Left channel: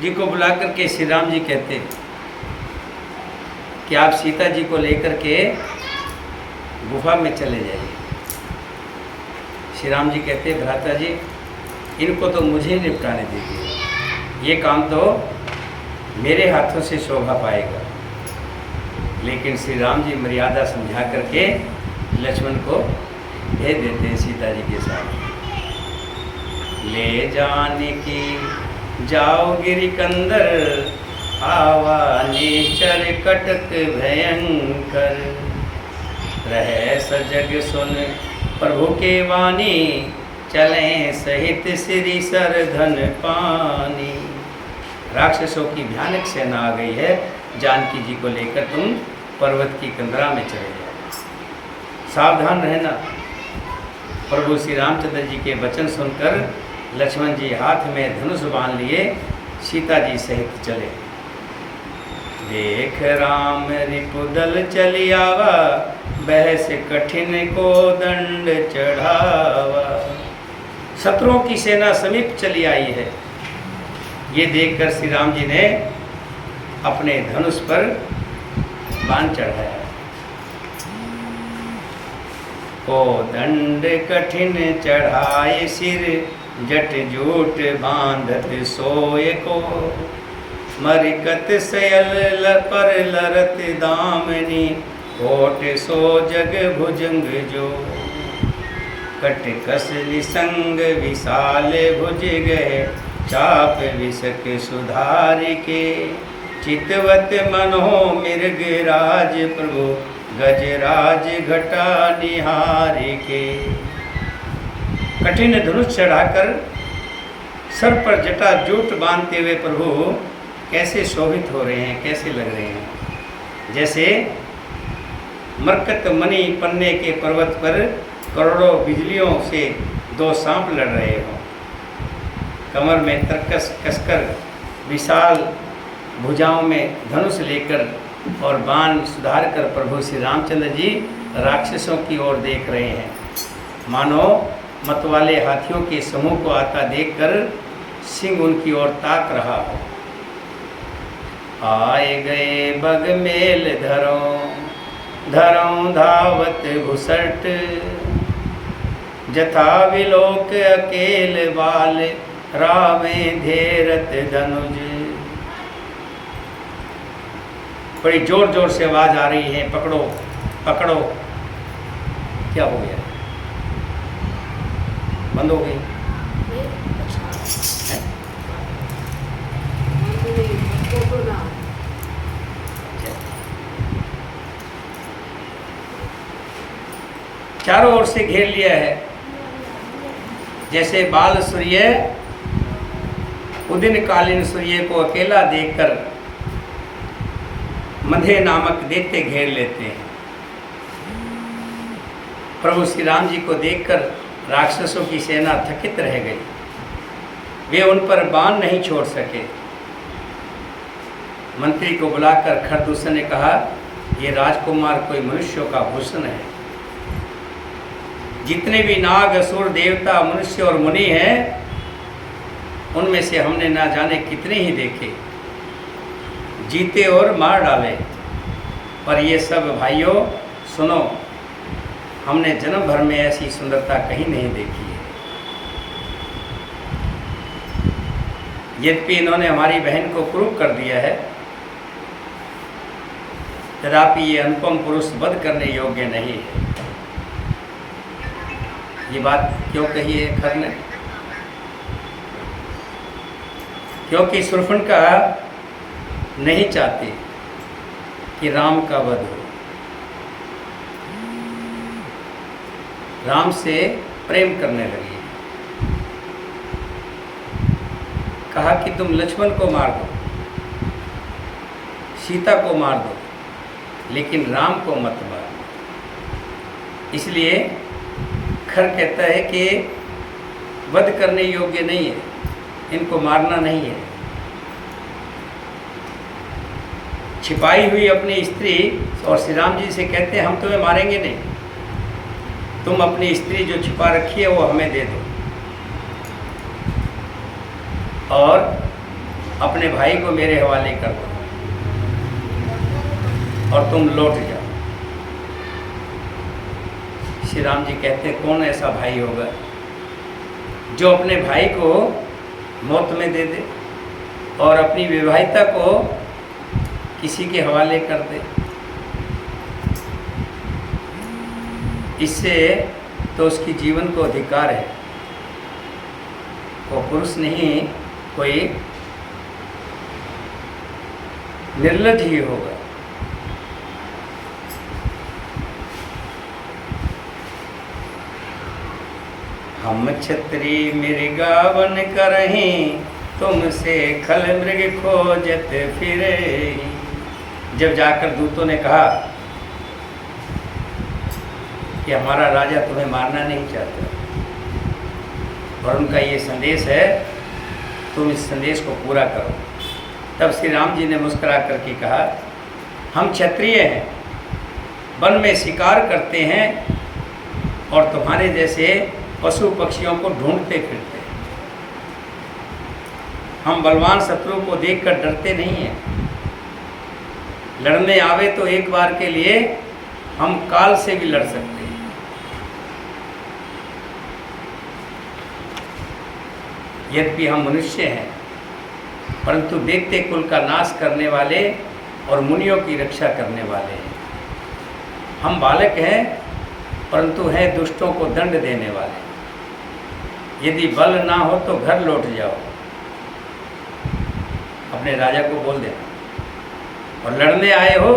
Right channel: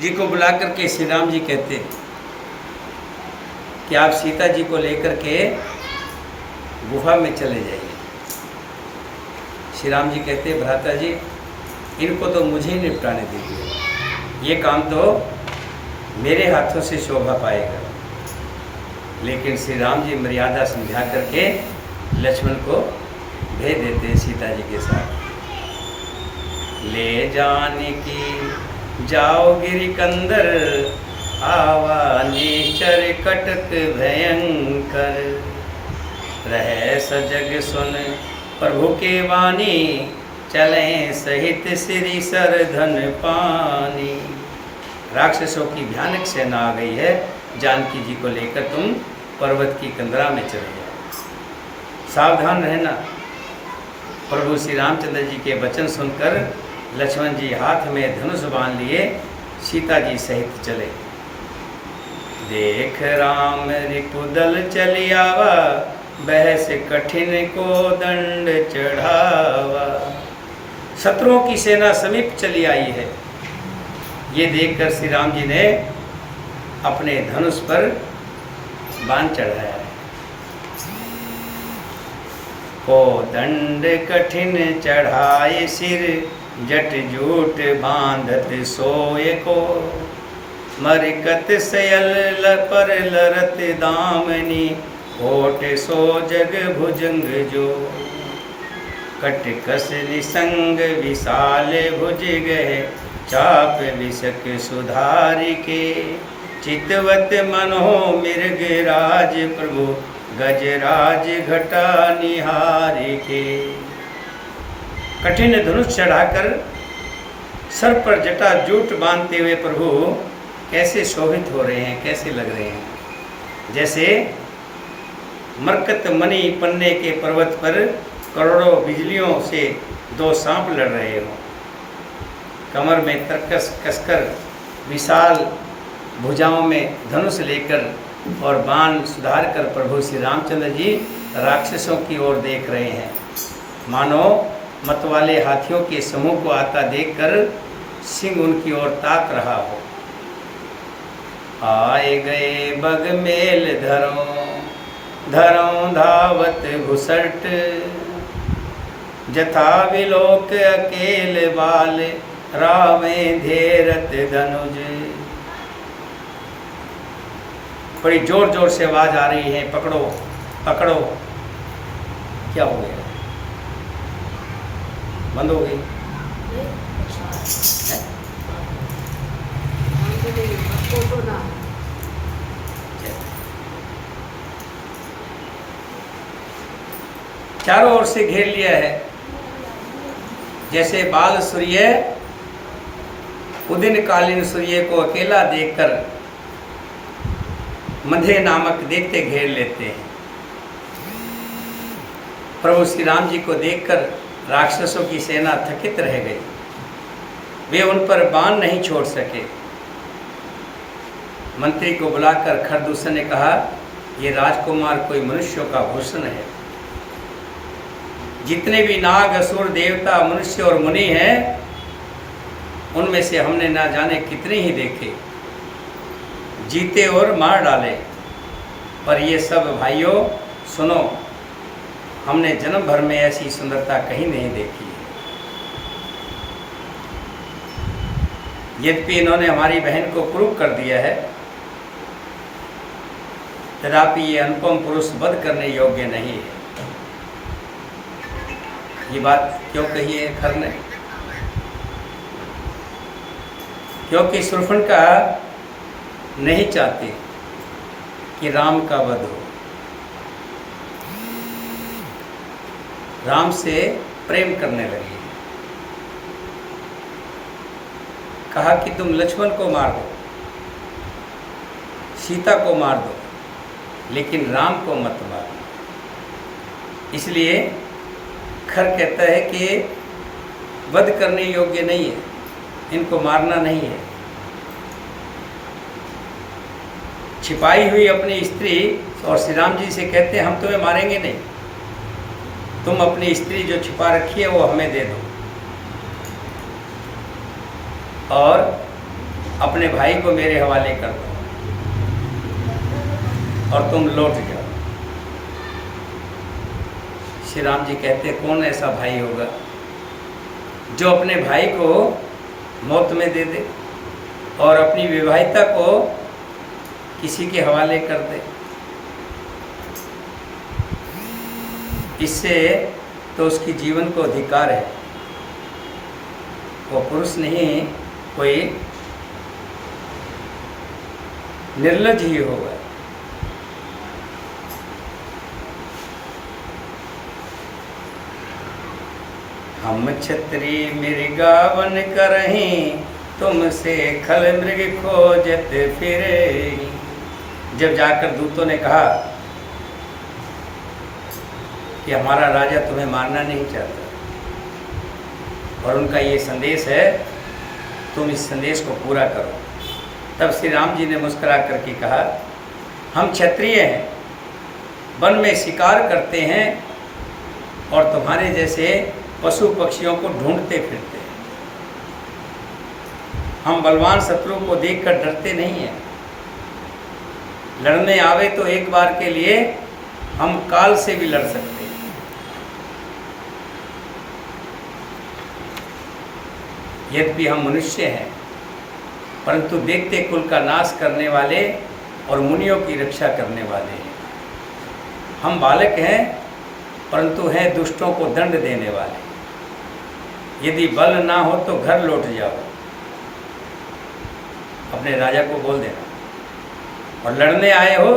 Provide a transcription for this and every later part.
जी को बुला करके श्री राम जी कहते कि आप सीता जी को लेकर के गुफा में चले जाइए। श्री राम जी कहते भ्राता जी इनको तो मुझे ही निपटाने दीजिए, ये काम तो मेरे हाथों से शोभा पाएगा। लेकिन श्री राम जी मर्यादा समझा करके लक्ष्मण को भेज देते हैं सीता जी के साथ। ले जाने की जाओ गिरिकंदर, आवा निश्चर कटक भयंकर। रहे सजग सुन प्रभु के वाणी, चलें सहित श्री सर धन पानी। राक्षसों की भयानक सेना आ गई है, जानकी जी को लेकर तुम पर्वत की कंदरा में चले जाओ। सावधान रहना। प्रभु श्री रामचंद्र जी के वचन सुनकर लक्ष्मण जी हाथ में धनुष बांध लिए सीता जी सहित चले। देख राम रिपुदल चली आवा, बहस कठिन को दंड चढ़ावा। शत्रुओं की सेना समीप चली आई है। ये देखकर श्री राम जी ने अपने धनुष पर बाण चढ़ाया। को दंड कठिन चढ़ाए सिर, जट जूट बांधत सोए को। मरिकत सयल पर लरत दामनी, कोट सो जग भुजंग जो। कट कस निसंग विशाल भुज गए, चाप विसक सुधार के। चितवत मनो मृग राज प्रभु, गजराज घटा निहार के। कठिन धनुष चढ़ाकर सर पर जटा जूट बांधते हुए प्रभु कैसे शोभित हो रहे हैं, कैसे लग रहे हैं। जैसे मरकत मणि पन्ने के पर्वत पर करोड़ों बिजलियों से दो सांप लड़ रहे हों। कमर में तरकस कसकर, विशाल भुजाओं में धनुष लेकर और बाण सुधार कर प्रभु श्री रामचंद्र जी राक्षसों की ओर देख रहे हैं। मानो मतवाले हाथियों के समूह को आता देखकर सिंह उनकी ओर ताक रहा हो। आए गए बग मेल धरों, धरों धावत घुसट। जथा विलोक अकेल बाल, रामे धेरत धनुज। बड़ी जोर जोर से आवाज आ रही है, पकड़ो पकड़ो। क्या हो गया? बंद हो गई। चारों ओर से घेर लिया है। जैसे बाल सूर्य उदिन कालीन सूर्य को अकेला देखकर मधे नामक देखते घेर लेते हैं। प्रभु श्री राम जी को देखकर राक्षसों की सेना थकित रह गई। वे उन पर बाण नहीं छोड़ सके। मंत्री को बुलाकर खरदूषण ने कहा, ये राजकुमार कोई मनुष्यों का भूषण है। जितने भी नाग असुर देवता मनुष्य और मुनि हैं, उनमें से हमने ना जाने कितने ही देखे, जीते और मार डाले। पर ये सब भाइयों सुनो, हमने जन्म भर में ऐसी सुंदरता कहीं नहीं देखी है। यद्यपि इन्होंने हमारी बहन को क्रूप कर दिया है, तथापि ये अनुपम पुरुष वध करने योग्य नहीं है। ये बात क्यों कही है खर ने? क्योंकि शूर्पणखा नहीं चाहती कि राम का वध हो। राम से प्रेम करने लगी। कहा कि तुम लक्ष्मण को मार दो, सीता को मार दो, लेकिन राम को मत मारो। इसलिए खर कहता है कि वध करने योग्य नहीं है, इनको मारना नहीं है। छिपाई हुई अपनी स्त्री और श्री राम जी से कहते हैं हम तुम्हें मारेंगे नहीं, तुम अपनी स्त्री जो छिपा रखी है वो हमें दे दो। और अपने भाई को मेरे हवाले कर दो और तुम लौट जाओ। श्री राम जी कहते कौन ऐसा भाई होगा जो अपने भाई को मौत में दे दे और अपनी विवाहिता को किसी के हवाले कर दे। इससे तो उसकी जीवन को अधिकार है, वो पुरुष नहीं कोई निर्लज ही होगा। हम छत्री मृगावन करहीं, तुमसे खल मृग खोजत फिरे। जब जाकर दूतों ने कहा कि हमारा राजा तुम्हें मारना नहीं चाहता और उनका ये संदेश है, तुम इस संदेश को पूरा करो। तब श्री राम जी ने मुस्कुरा करके कहा, हम क्षत्रिय हैं, वन में शिकार करते हैं और तुम्हारे जैसे पशु पक्षियों को ढूंढते फिरते हैं। हम बलवान शत्रु को देखकर डरते नहीं हैं। लड़ने आवे तो एक बार के लिए हम काल से भी लड़ सकते हैं। यद्यपि हम मनुष्य हैं, परंतु देखते कुल का नाश करने वाले और मुनियों की रक्षा करने वाले हैं। हम बालक हैं, परंतु हैं दुष्टों को दंड देने वाले। यदि बल ना हो तो घर लौट जाओ, अपने राजा को बोल देना। और लड़ने आए हो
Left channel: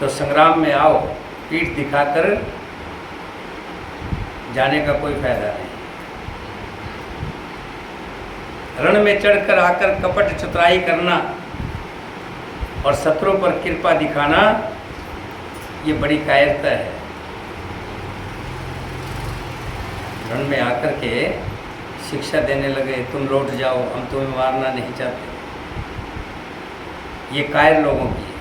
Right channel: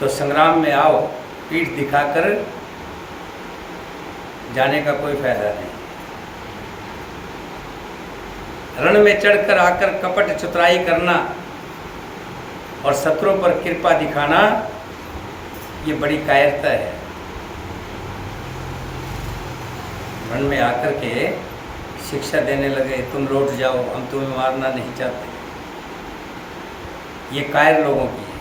तो संग्राम में आओ, पीठ दिखाकर जाने का कोई फायदा नहीं। रण में चढ़कर आकर कपट चतुराई करना और शत्रुओं पर कृपा दिखाना, ये बड़ी कायरता है। रण में आकर के शिक्षा देने लगे, तुम लौट जाओ, हम तुम्हें मारना नहीं चाहते, ये कायर लोगों की है।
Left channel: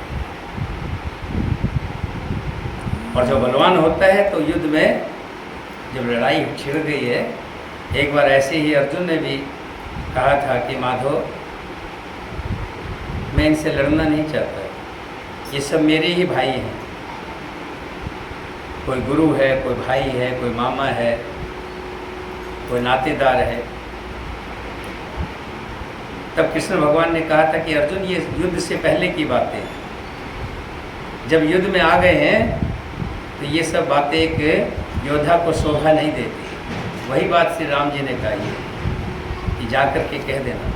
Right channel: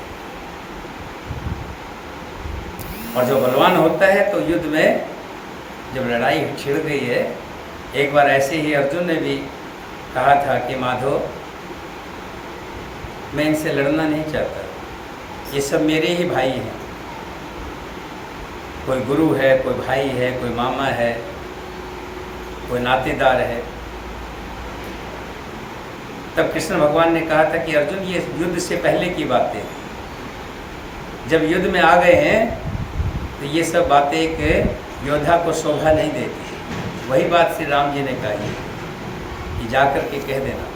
और जो बलवान होता है तो युद्ध में जब लड़ाई छिड़ गई है, एक बार ऐसे ही अर्जुन ने भी कहा था कि माधव, मैं इनसे लड़ना नहीं चाहता, ये सब मेरे ही भाई हैं। कोई गुरु है, कोई भाई है, कोई मामा है, कोई नातेदार है। तब कृष्ण भगवान ने कहा था कि अर्जुन, ये युद्ध से पहले की बातें हैं। जब युद्ध में आ गए हैं तो ये सब बातें एक योद्धा को शोभा नहीं देती। वही बात श्री राम जी ने कही कि जाकर के कह देना।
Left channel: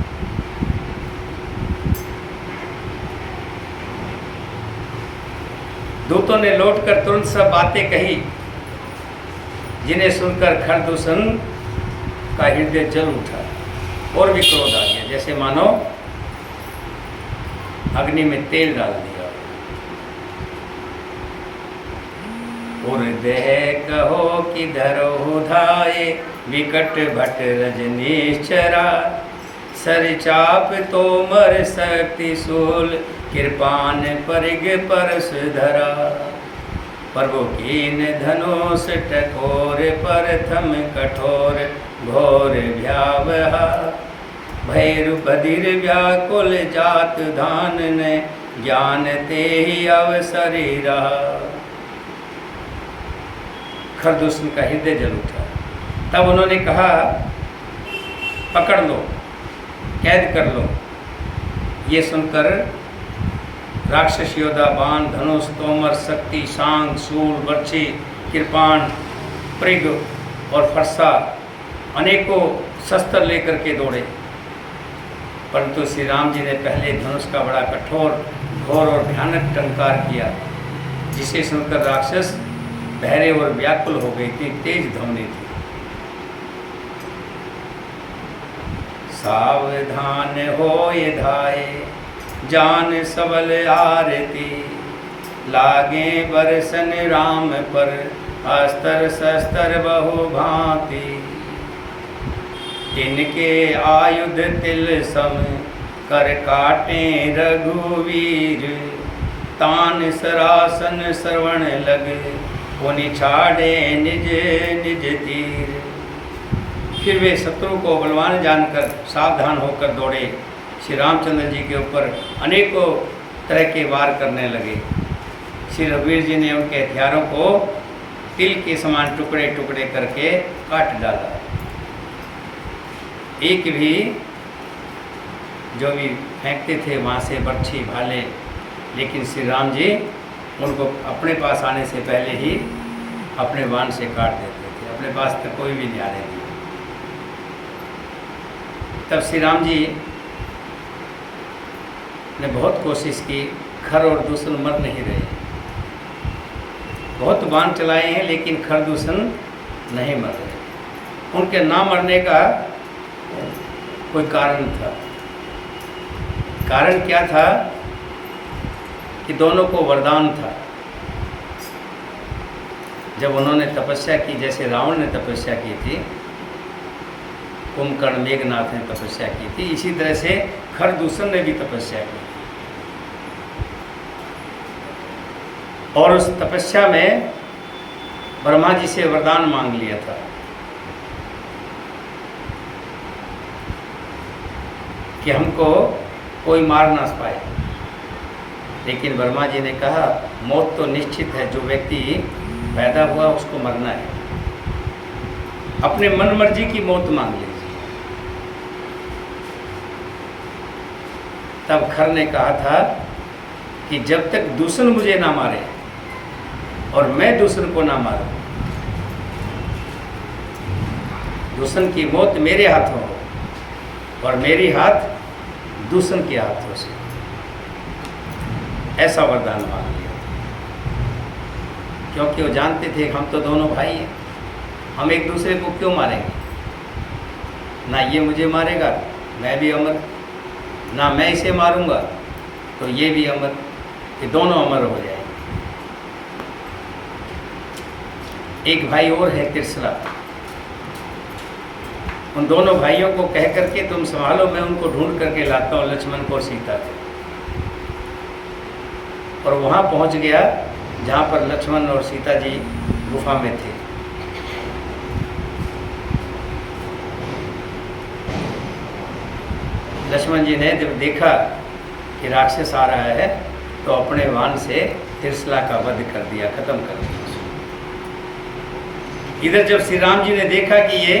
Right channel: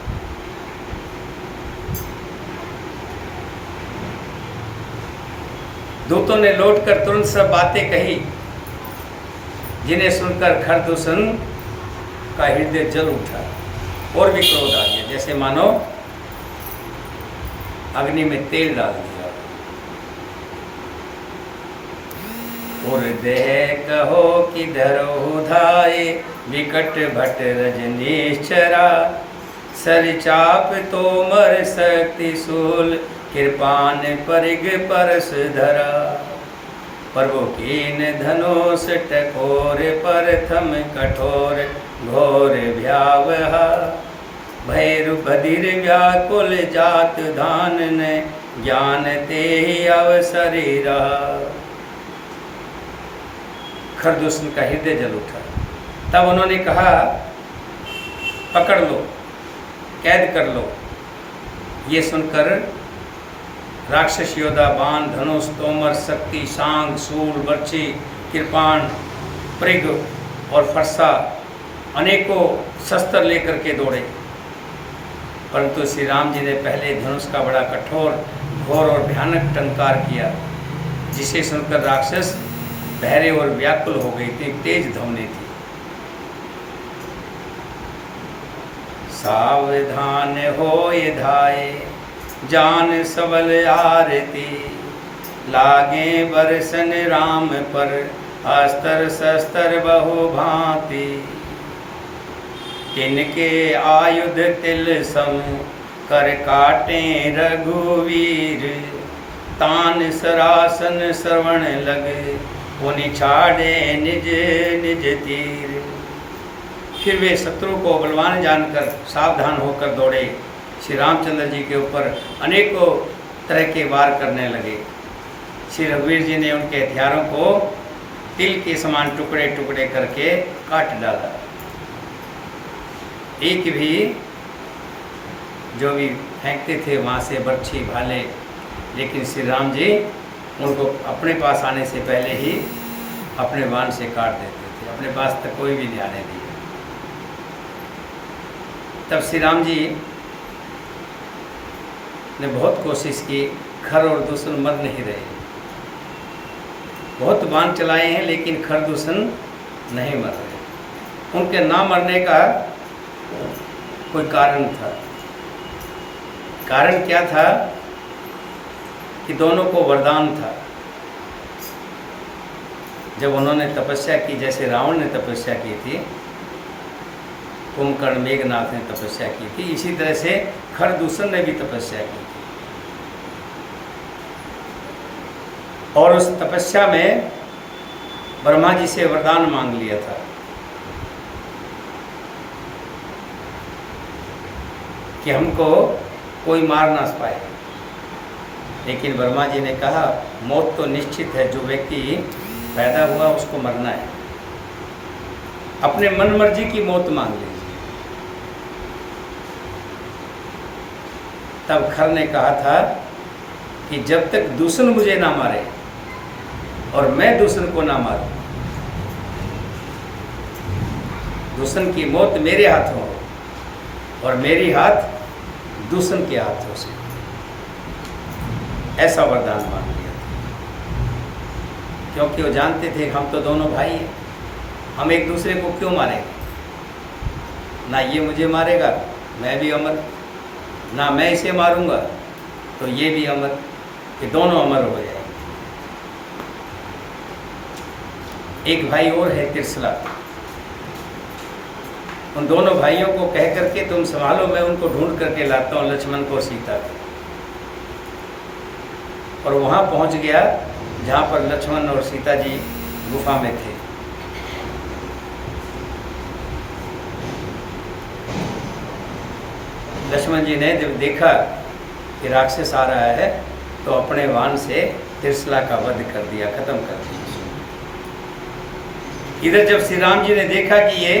दूतों ने लौटकर तुरंत सब बातें कही, जिन्हें सुनकर खरदूषण का हृदय जल उठा और भी क्रोध आ गया, जैसे मानो अग्नि में तेल डाल दिया। और देह कहो कि धरो धाये, विकट भट रजनीश्चरा। सर चाप तोमर शक्ति शूल, कृपान परिग परस धरा। प्रभु कीन धनुष टकोर, प्रथम कठोर घोर भयावहा। भैरु बधिर व्याकुल जात धान ने, ज्ञान ते ही अवसरी रहा। खरदूषण का हृदय जल उठा। तब उन्होंने कहा, पकड़ लो, कैद कर लो। ये सुनकर राक्षस योद्धा बाण, धनुष, तोमर, शक्ति, सांग, शूल, बर्छी, कृपाण, पृग और फरसा अनेकों शस्त्र लेकर के दौड़े। परंतु श्री राम जी ने पहले धनुष का बड़ा कठोर, घोर और भयानक टंकार किया, जिसे सुनकर राक्षस बहरे और व्याकुल हो गए। इतनी तेज ध्वनि थी। सावधान होए धाये, जान सबल आरती। लागे बरसन राम पर, अस्त्र शस्त्र बहु भांति। तिनके आयुध तिल सम, कर काटे रघुवीर। तान सरासन श्रवण लगे, पुनि छाड़े निज निज तीर। फिर वे शत्रु को बलवान जानकर सावधान होकर दौड़े। श्री रामचंद्र जी के ऊपर अनेकों तरह के वार करने लगे। श्री रघुवीर जी ने उनके हथियारों को तिल के समान टुकड़े टुकड़े करके काट डाला। एक भी जो भी फेंकते थे वहाँ से बर्छी भाले, लेकिन श्री राम जी उनको अपने पास आने से पहले ही अपने बाण से काट देते थे। अपने पास तक कोई भी नहीं आने दिया। तब श्री राम जी ने बहुत कोशिश की, खर और दूषण मर नहीं रहे। बहुत बाण चलाए हैं लेकिन खर दूषण नहीं मर रहे। उनके ना मरने का कोई कारण था। कारण क्या था कि दोनों को वरदान था। जब उन्होंने तपस्या की, जैसे रावण ने तपस्या की थी, कुंभकर्ण मेघनाथ ने तपस्या की थी, इसी तरह से खरदूषण ने भी तपस्या की थी। और उस तपस्या में ब्रह्मा जी से वरदान मांग लिया था कि हमको कोई मार ना पाए। लेकिन ब्रह्मा जी ने कहा मौत तो निश्चित है, जो व्यक्ति पैदा हुआ उसको मरना है। अपने मन मर्जी की मौत मांग लीजिए। तब खर ने कहा था कि जब तक दूषण मुझे ना मारे और मैं दूषण को ना मारूं, दूषण की मौत मेरे हाथों हो और मेरी हाथ दूषण के हाथों से, ऐसा वरदान मांग लिया। क्योंकि वो जानते थे हम तो दोनों भाई हैं, हम एक दूसरे को क्यों मारेंगे। ना ये मुझे मारेगा मैं भी अमर, ना मैं इसे मारूंगा तो ये भी अमर, ये दोनों अमर हो जाएंगे। एक भाई और है त्रिशला, उन दोनों भाइयों को कह करके तुम संभालो, मैं उनको ढूंढ करके लाता हूँ, लक्ष्मण को सीता को। और वहाँ पहुँच गया जहाँ पर लक्ष्मण और सीता जी गुफा में थे। लक्ष्मण जी ने जब देखा कि राक्षस आ रहा है तो अपने बाण से त्रिशला का वध कर दिया, खत्म कर दिया। इधर जब श्री राम जी ने देखा कि ये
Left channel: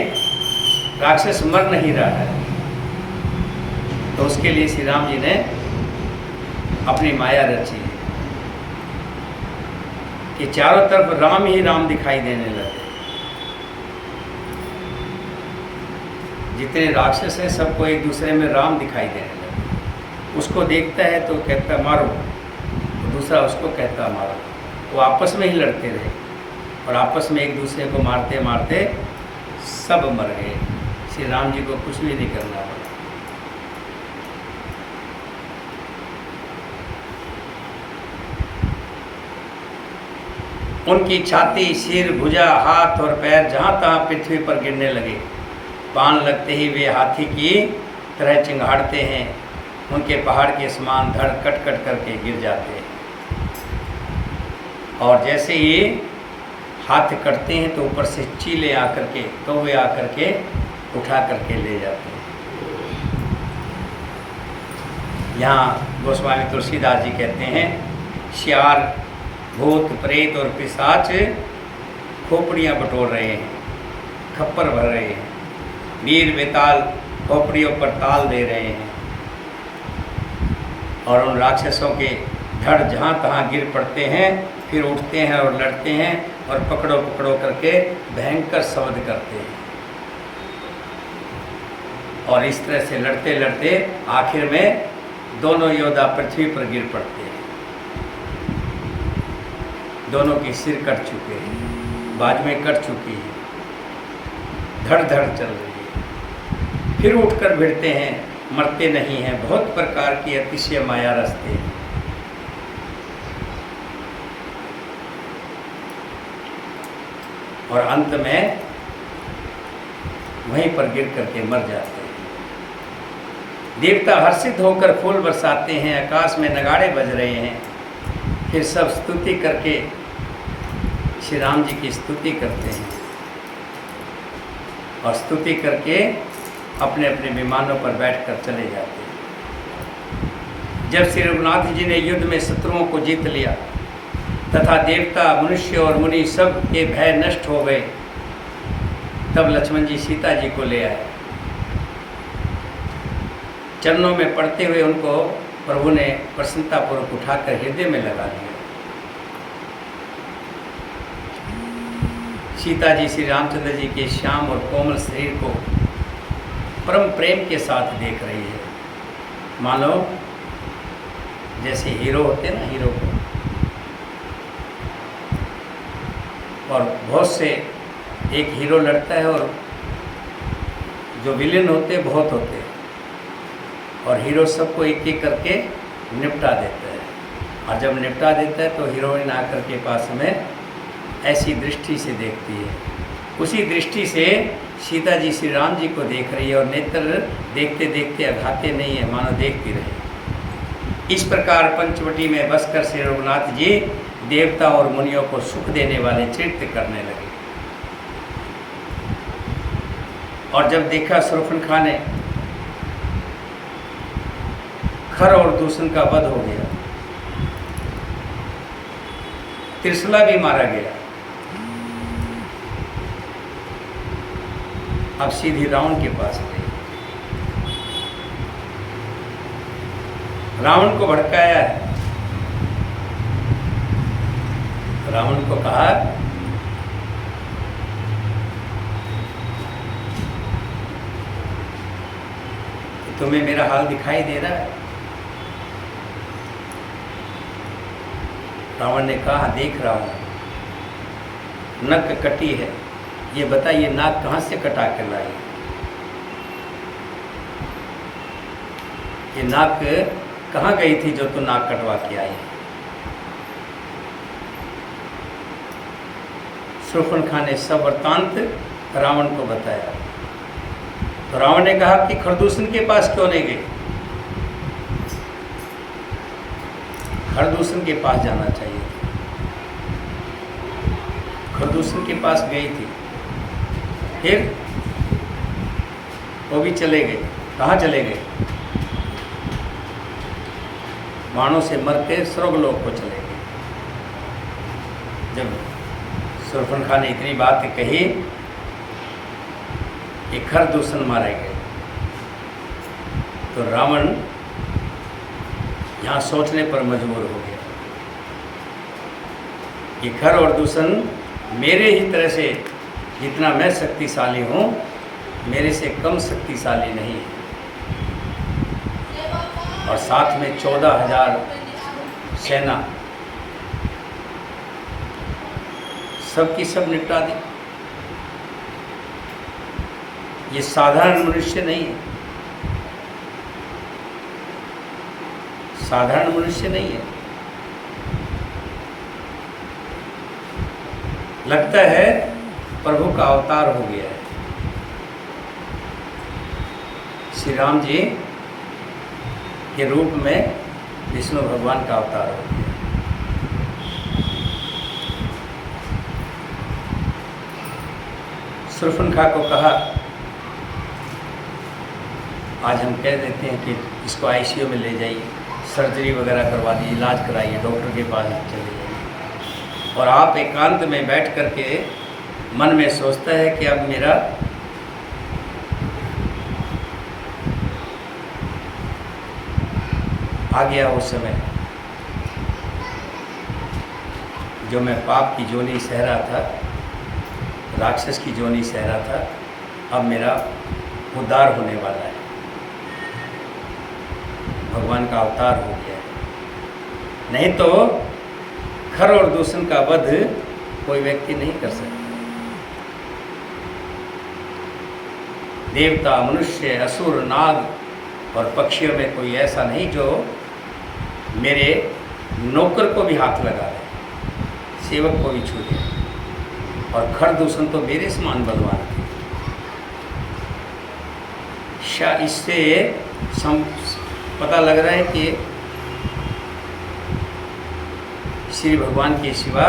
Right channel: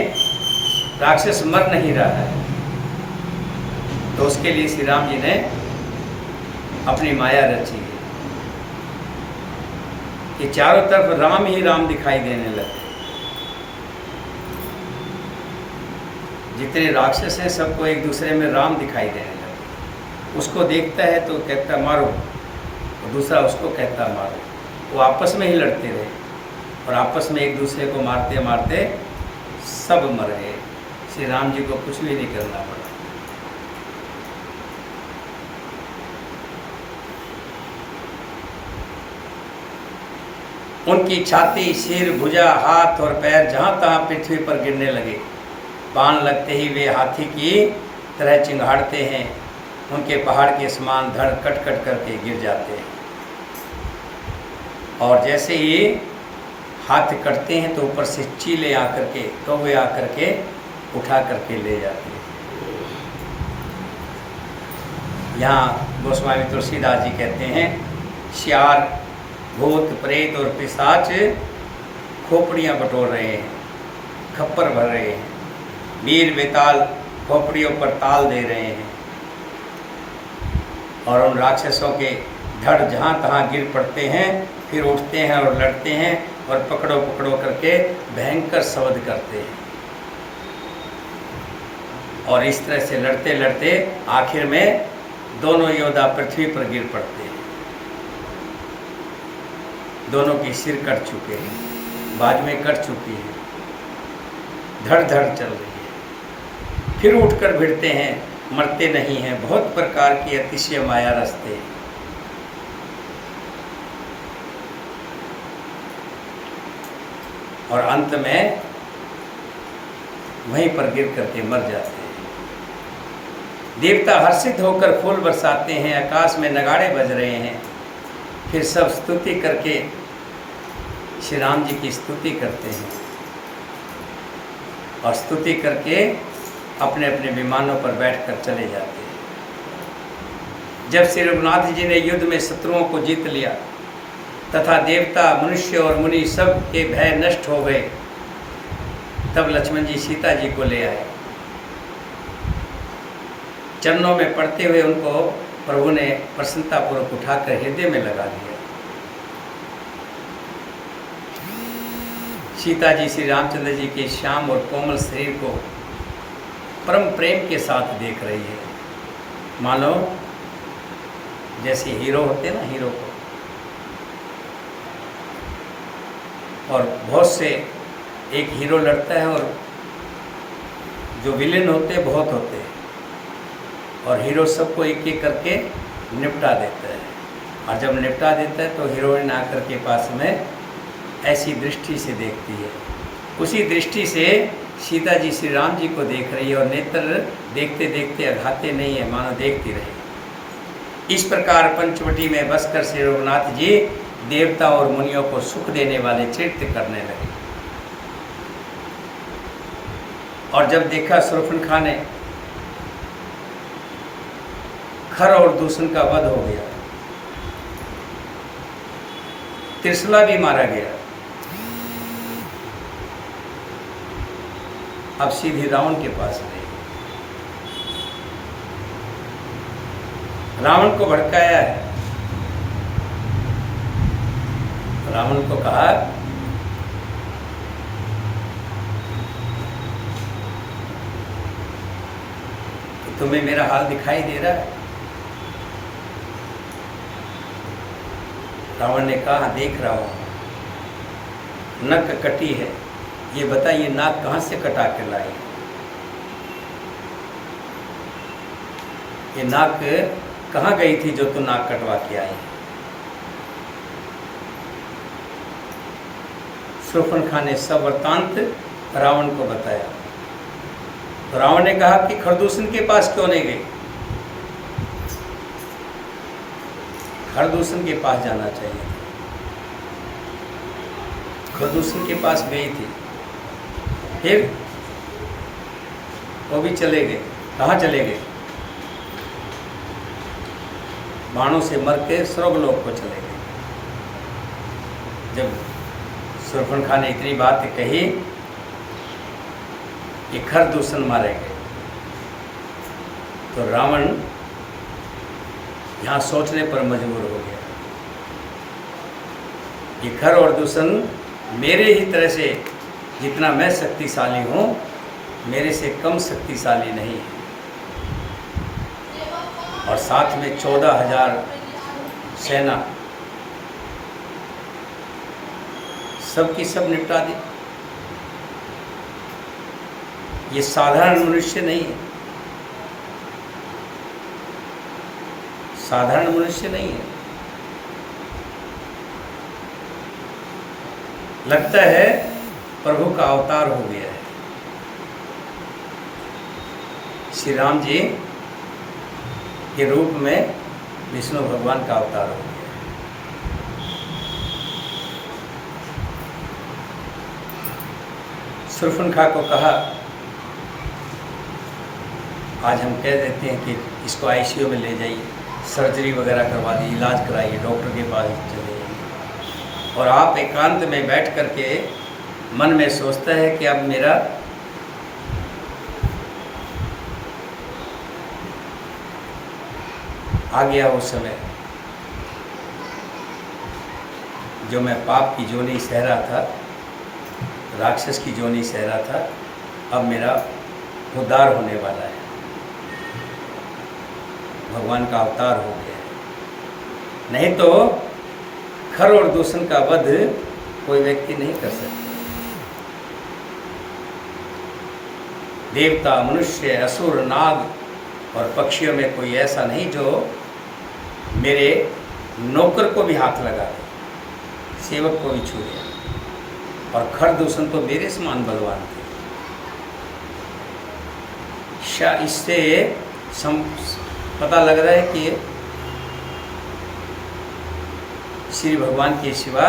राक्षस मर नहीं रहा है, तो उसके लिए श्री राम जी ने अपनी माया रची है कि चारों तरफ राम ही राम दिखाई देने लगे। जितने राक्षस हैं सबको एक दूसरे में राम दिखाई देने लगे। उसको देखता है तो कहता मारो, और दूसरा उसको कहता मारो। वो आपस में ही लड़ते रहे और आपस में एक दूसरे को मारते मारते सब मर गए। श्री राम जी को कुछ भी नहीं करना पड़ा। उनकी छाती, सिर, भुजा, हाथ और पैर जहाँ तहाँ पृथ्वी पर गिरने लगे। बाण लगते ही वे हाथी की तरह चिंगाड़ते हैं। उनके पहाड़ के समान धड़ कट कट करके गिर जाते हैं। और जैसे ही हाथ कटते हैं तो ऊपर से चीले आकर के, कौवे आकर के उठा करके ले जाते हैं। यहाँ गोस्वामी तुलसीदास जी कहते हैं, श्यार, भूत, प्रेत और पिशाच खोपड़ियाँ बटोर रहे हैं, खप्पर भर रहे हैं। वीर बेताल खोपड़ियों पर ताल दे रहे हैं और उन राक्षसों के धड़ जहाँ तहाँ गिर पड़ते हैं, फिर उठते हैं और लड़ते हैं और पकड़ो पकड़ो करके भयंकर शब्द करते हैं। और इस तरह से लड़ते लड़ते आखिर में दोनों योद्धा पृथ्वी पर गिर पड़ते हैं। दोनों की सिर कट चुके हैं, बाजुएं कट चुकी हैं, धड़ धड़ चल रही है। फिर उठकर भिड़ते हैं, मरते नहीं हैं। बहुत प्रकार की अतिशय माया रचते हैं। और अंत में वहीं पर गिर करके मर जाते हैं। देवता हर्षित होकर फूल बरसाते हैं, आकाश में नगाड़े बज रहे हैं। फिर सब स्तुति करके श्री राम जी की स्तुति करते हैं। और स्तुति करके अपने अपने विमानों पर बैठकर चले जाते हैं। जब श्री रघुनाथ जी ने युद्ध में शत्रुओं को जीत लिया तथा देवता, मनुष्य और मुनि सब के भय नष्ट हो गए, तब लक्ष्मण जी सीता जी को ले आए। चरणों में पड़ते हुए उनको प्रभु ने प्रसन्नतापूर्वक उठाकर हृदय में लगा लिया। सीता जी श्री रामचंद्र जी के श्याम और कोमल शरीर को परम प्रेम के साथ देख रही है, मानो जैसे हीरो होते हैं ना, हीरो को। और बहुत से एक हीरो लड़ता है और जो विलेन होते हैं बहुत होते हैं, और हीरो सबको एक एक करके निपटा देता है। और जब निपटा देता है तो हीरोइन आकर के पास में ऐसी दृष्टि से देखती है। उसी दृष्टि से सीता जी श्री राम जी को देख रही है और नेत्र देखते देखते अघाते नहीं है, मानो देखती रहे। इस प्रकार पंचवटी में बसकर श्री रघुनाथ जी देवता और मुनियों को सुख देने वाले चरित्र करने लगे। और जब देखा शूर्पणखा ने खर और दूषण का वध हो गया, त्रिशला भी मारा गया, अब सीधी रावण के पास गए। रावण को भड़काया है। रावण को कहा कि तुम्हें मेरा हाल दिखाई दे रहा है? रावण ने कहा देख रहा हूं, नक कटी है, ये बताइए नाक कहाँ से कटा कर लाई? ये नाक कहाँ गई थी जो तू नाक कटवा के आई? शूर्पणखा ने सब वृत्तांत रावण को बताया। तो रावण ने कहा कि खरदूषण के पास क्यों नहीं गई? खरदूषण के पास जाना चाहिए। खरदूषण के पास गई थी, फिर वो भी चले गए। कहाँ चले गए? बाणों से मर के स्वर्गलोक को चले गए। जब शूर्पणखा ने इतनी बात कही कि खरदूषण मारे गए, तो रावण यहाँ सोचने पर मजबूर हो गया कि खर और दूषण मेरे ही तरह से, जितना मैं शक्तिशाली हूँ, मेरे से कम शक्तिशाली नहीं है। और साथ में 14,000 सेना, सबकी सब निपटा दी। ये साधारण मनुष्य नहीं है, साधारण मनुष्य नहीं है। लगता है प्रभु का अवतार हो गया है। श्री राम जी के रूप में विष्णु भगवान का अवतार हो गया। शूर्पणखा को कहा, आज हम कह देते हैं कि इसको आईसीयू में ले जाइए, सर्जरी वगैरह करवा दी, इलाज कराइए, डॉक्टर के पास चले जाइए। और आप एकांत में बैठ करके मन में सोचता है कि अब मेरा आ गया वो समय जो मैं पाप की जोनी सह रहा था, राक्षस की जोनी सह रहा था, अब मेरा उद्धार होने वाला है, भगवान का अवतार हो गया है। नहीं तो खर और दूषण का वध कोई व्यक्ति नहीं कर सकता। देवता, मनुष्य, असुर, नाग और पक्षियों में कोई ऐसा नहीं जो मेरे नौकर को भी हाथ लगा दे, सेवक को भी छू दे। और खर दूषण तो मेरे समान बलवान थे। इससे पता लग रहा है कि श्री भगवान के सिवा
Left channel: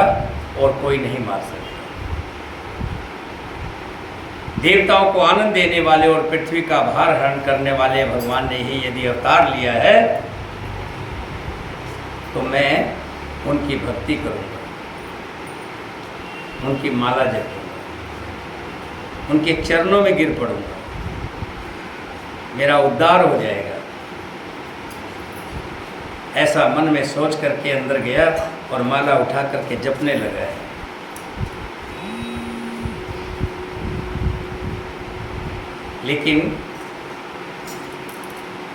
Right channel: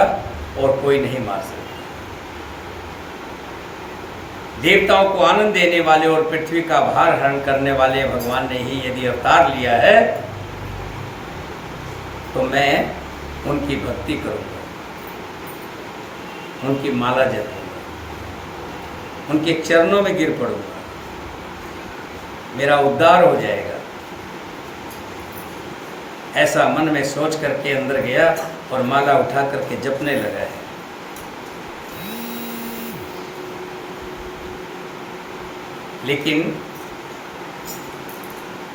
और कोई नहीं मार सकता। देवताओं को आनंद देने वाले और पृथ्वी का भार हरण करने वाले भगवान ने ही यदि अवतार लिया है तो मैं उनकी भक्ति करूंगा, उनकी माला जपूंगा, उनके चरणों में गिर पड़ूंगा, मेरा उद्धार हो जाएगा। ऐसा मन में सोच करके अंदर गया और माला उठा करके जपने लगा है। लेकिन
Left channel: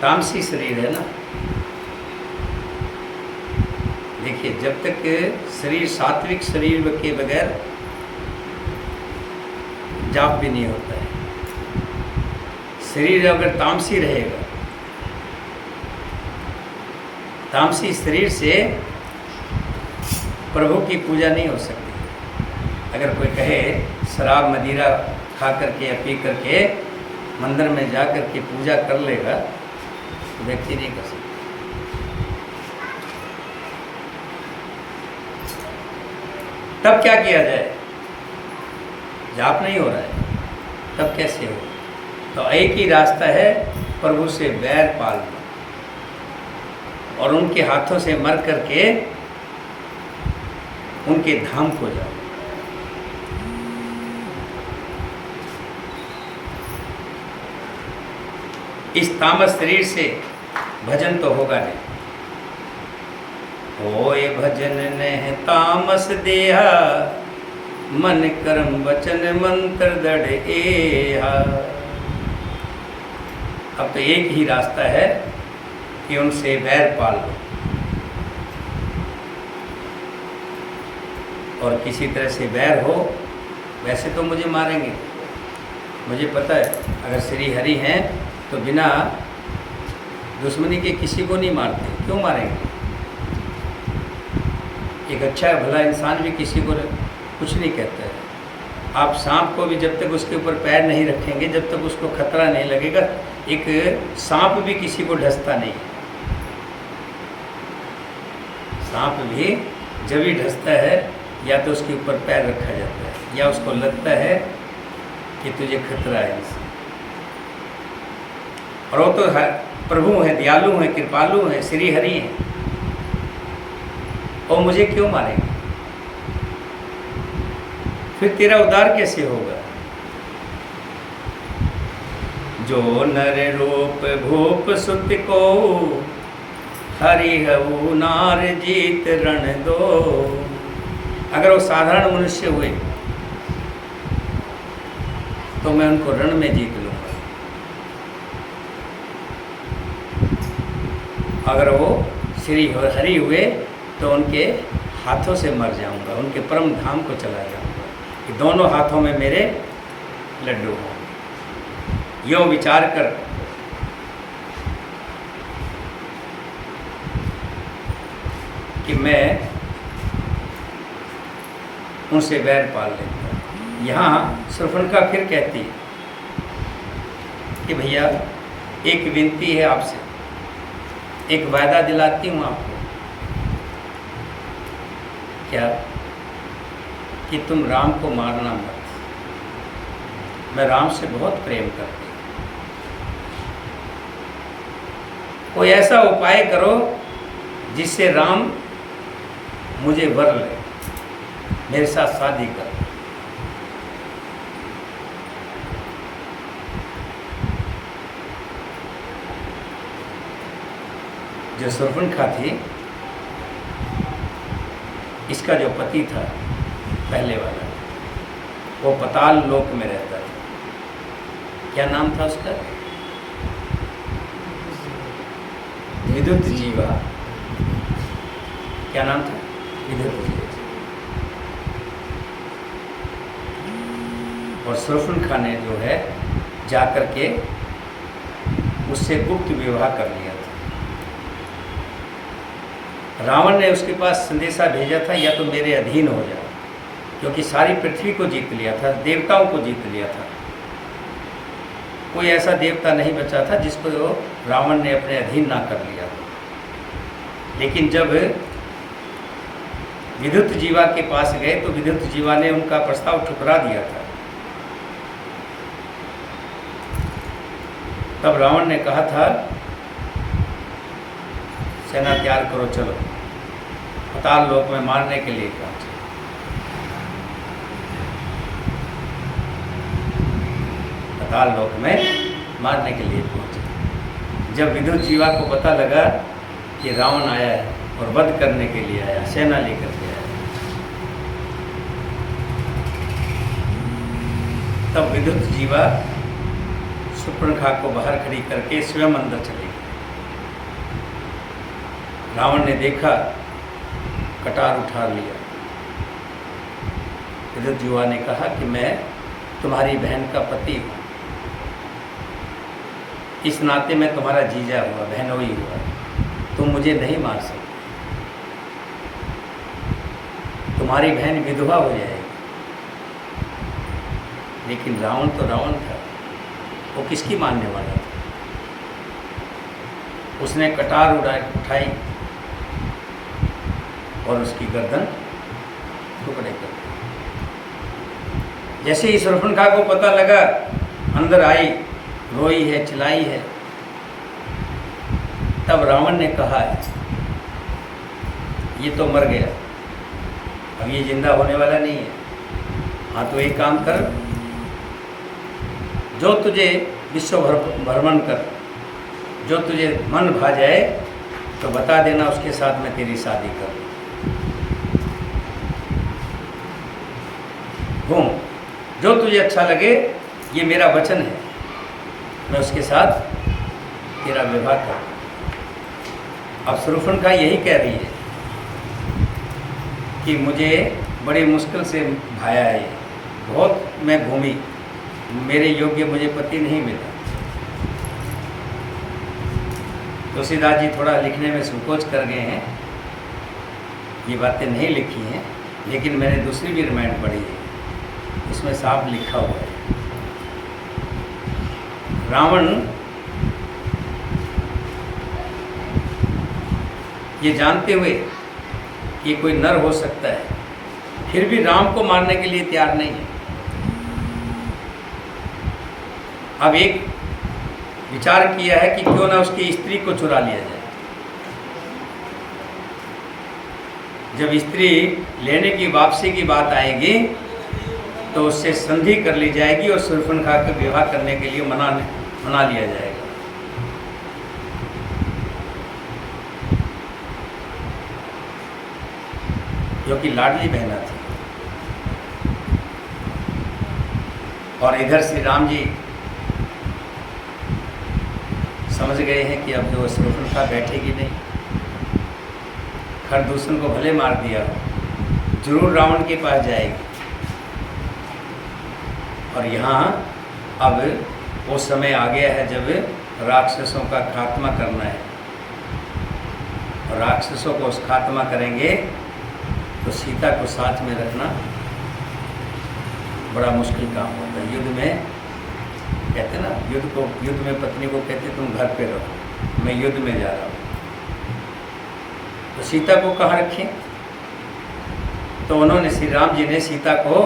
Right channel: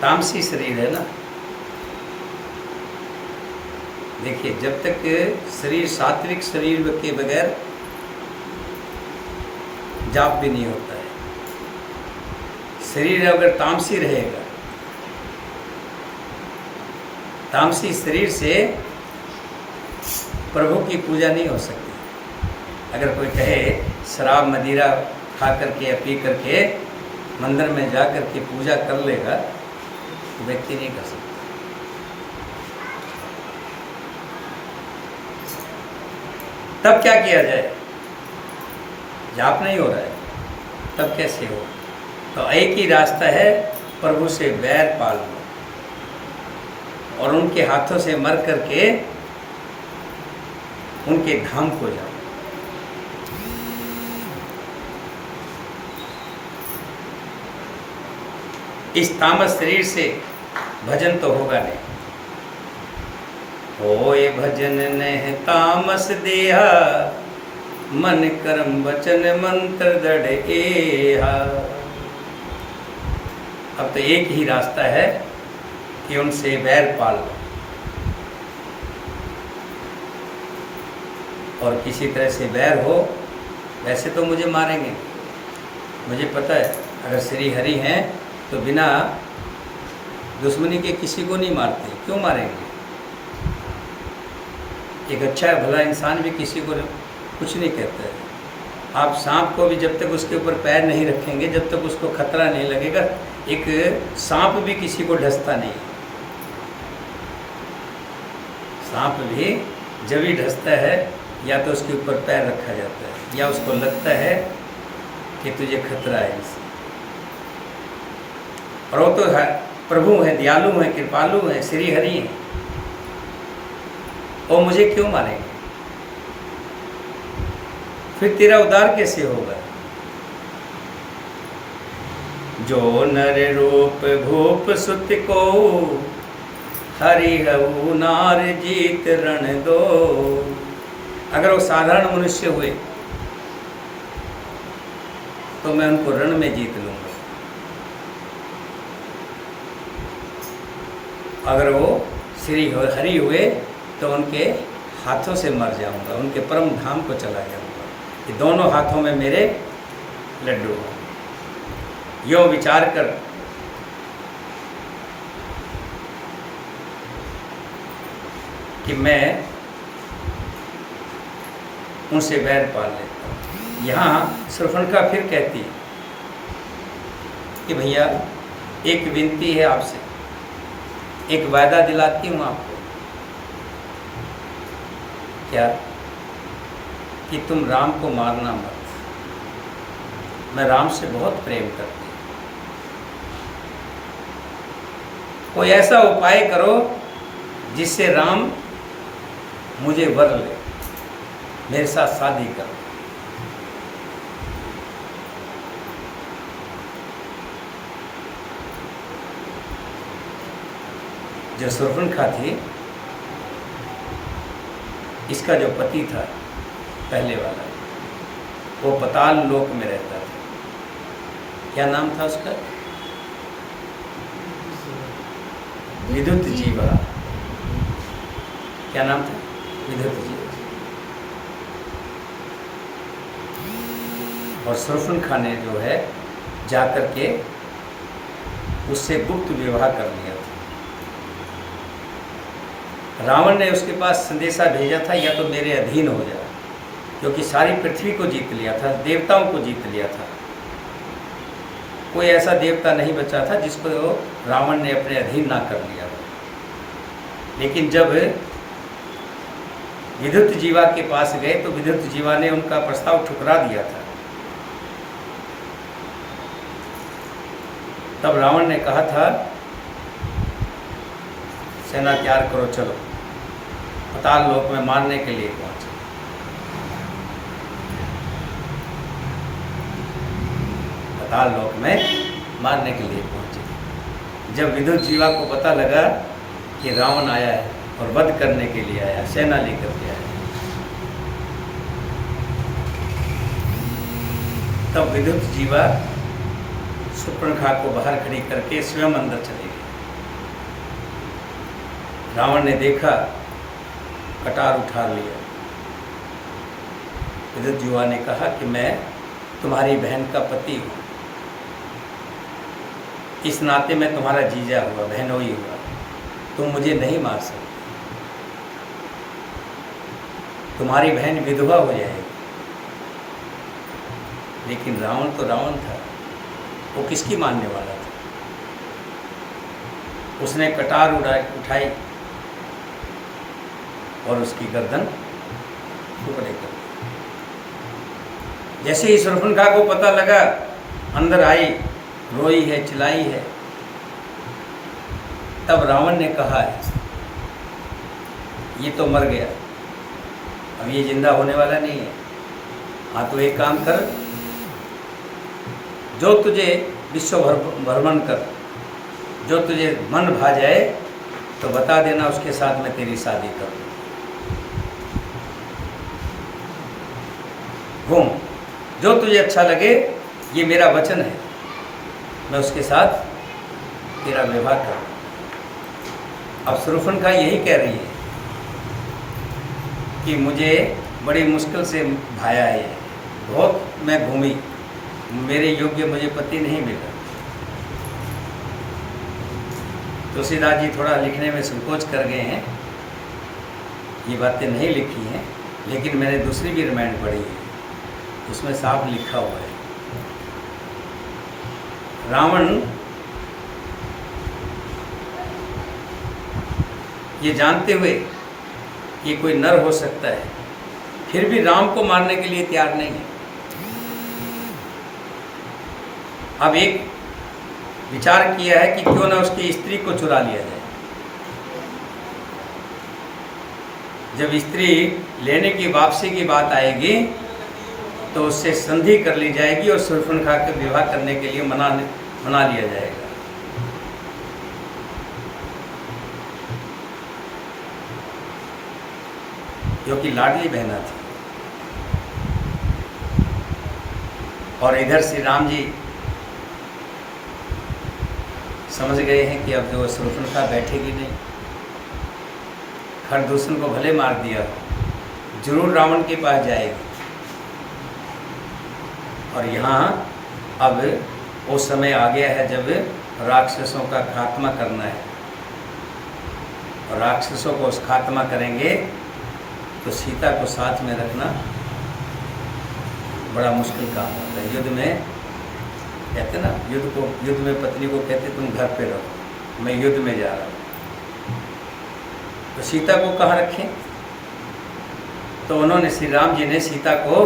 तामसी शरीर है ना, देखिए जब तक शरीर सात्विक शरीर के बगैर जाप भी नहीं होता है। शरीर अगर तामसी रहेगा, तामसी शरीर से प्रभु की पूजा नहीं हो सकती। अगर कोई कहे शराब मदिरा खा करके या पी करके मंदिर में जा करके पूजा कर लेगा तो व्यक्ति नहीं कर सकता। तब क्या किया जाए? जाप नहीं हो रहा है, तब कैसे हो? तो एक ही रास्ता है, प्रभु से बैर पाल लो और उनके हाथों से मर करके उनके धाम को जाओ। इस तामस शरीर से भजन तो होगा नहीं। होए भजन नह तामस देहा, मन कर्म वचन मंत्र दृढ़ एहा। अब तो एक ही रास्ता है कि उनसे बैर पाल लो और किसी तरह से बैर हो। वैसे तो मुझे मारेंगे, मुझे पता है। अगर श्री हरि हैं तो बिना दुश्मनी के किसी को नहीं मारते, क्यों मारेंगे? एक अच्छा भला इंसान भी किसी को कुछ नहीं कहता है। आप सांप को भी जब तक उसके ऊपर पैर नहीं रखेंगे, जब तक उसको खतरा नहीं लगेगा, एक सांप भी किसी को ढसता नहीं। सांप भी जब ही ढसता है या तो उसके ऊपर पैर रखा जाता है या उसको लगता है कि तुझे खतरा है इससे। और वो तो प्रभु हैं, दयालु हैं, कृपालु हैं, श्री हरि हैं, और मुझे क्यों मारेंगे? फिर तेरा उद्धार कैसे होगा? जो नर रूप भूप सुत को, हरि हऊ नार जीत रण दो। अगर वो साधारण मनुष्य हुए तो मैं उनको रण में जीत लूंगा। अगर वो श्री हरि हुए तो उनके हाथों से मर जाऊंगा, उनके परम धाम को चला जाऊंगा। कि दोनों हाथों में मेरे लड्डू हों। यूँ विचार कर कि मैं उनसे बैर पाल लेता हूँ। यहाँ शूर्पणखा फिर कहती है कि भैया एक विनती है आपसे, एक वायदा दिलाती हूँ आपको। क्या? कि तुम राम को मारना मत। मैं राम से बहुत प्रेम करती हूँ। कोई ऐसा उपाय करो जिससे राम मुझे वर ले, मेरे साथ शादी कर। जो शूर्पणखा थी, इसका जो पति था पहले वाला, वो पताल लोक में रहता था। क्या नाम था उसका? विद्युत जीवा। क्या नाम था? विद्युत जीवा। और शूर्पणखा ने जो है जाकर के उससे गुप्त विवाह कर लिया था। रावण ने उसके पास संदेशा भेजा था, या तो मेरे अधीन हो जा, क्योंकि सारी पृथ्वी को जीत लिया था, देवताओं को जीत लिया था। कोई ऐसा देवता नहीं बचा था जिसको रावण ने अपने अधीन ना कर लिया। लेकिन जब विद्युत जीवा के पास गए तो विद्युत जीवा ने उनका प्रस्ताव ठुकरा दिया था। तब रावण ने कहा था, सेना तैयार करो, चलो। पाताल लोक में मारने के लिए पहुंचे। पाताल लोक में मारने के लिए पहुंचे। जब विदुर जीवा को पता लगा कि रावण आया है और वध करने के लिए आया, सेना लेकर के आया, तब विदुर जीवा शूर्पणखा को बाहर खड़ी करके स्वयं अंदर चले गए। रावण ने देखा, कटार उठा लिया। विदुर जीवा ने कहा कि मैं तुम्हारी बहन का पति हूँ, इस नाते मैं तुम्हारा जीजा हुआ, बहनोई हुआ, तुम मुझे नहीं मार सकते, तुम्हारी बहन विधवा हो जाएगी। लेकिन रावण तो रावण था, वो किसकी मानने वाला था? उसने कटार उठाई और उसकी गर्दन टुकड़े कर दी। जैसे ही शूर्पणखा को पता लगा, अंदर आई, रोई है, चिल्लाई है। तब रावण ने कहा, ये तो मर गया, अब ये जिंदा होने वाला नहीं है। हाँ, तो एक काम कर, जो तुझे विश्व भ्रमण कर, जो तुझे मन भा जाए तो बता देना, उसके साथ मैं तेरी शादी करूँ। घूम, जो तुझे अच्छा लगे, ये मेरा वचन है, मैं उसके साथ तेरा विवाह करूँ। अब शूर्पणखा यही कह रही है कि मुझे बड़ी मुश्किल से भाया है, बहुत मैं घूमी, मेरे योग्य मुझे पति नहीं मिला। तुलसीदास जी थोड़ा लिखने में संकोच कर गए हैं, ये बातें नहीं लिखी हैं, लेकिन मैंने दूसरी भी रामायण पढ़ी है, उसमें साफ लिखा हुआ है। रावण ये जानते हुए कि कोई नर हो सकता है, फिर भी राम को मारने के लिए तैयार नहीं है। अब एक विचार किया है कि क्यों ना उसकी स्त्री को चुरा लिया जाए। जब स्त्री लेने की वापसी की बात आएगी तो उससे संधि कर ली जाएगी और शूर्पणखा के विवाह करने के लिए मना लिया जाएगा। क्योंकि लाडली बहना थी। और इधर श्री राम जी समझ गए हैं कि अब जो शूर्पणखा बैठेगी नहीं, खरदूषण को भले मार दिया, जरूर रावण के पास जाएगी। और यहाँ अब वो समय आ गया है जब राक्षसों का खात्मा करना है, और राक्षसों को उस खात्मा करेंगे तो सीता को साथ में रखना बड़ा मुश्किल काम होता है। युद्ध में कहते ना, युद्ध में पत्नी को कहते तुम घर पे रहो, मैं युद्ध में जा रहा हूँ। तो सीता को कहाँ रखें? तो उन्होंने, श्री राम जी ने सीता को,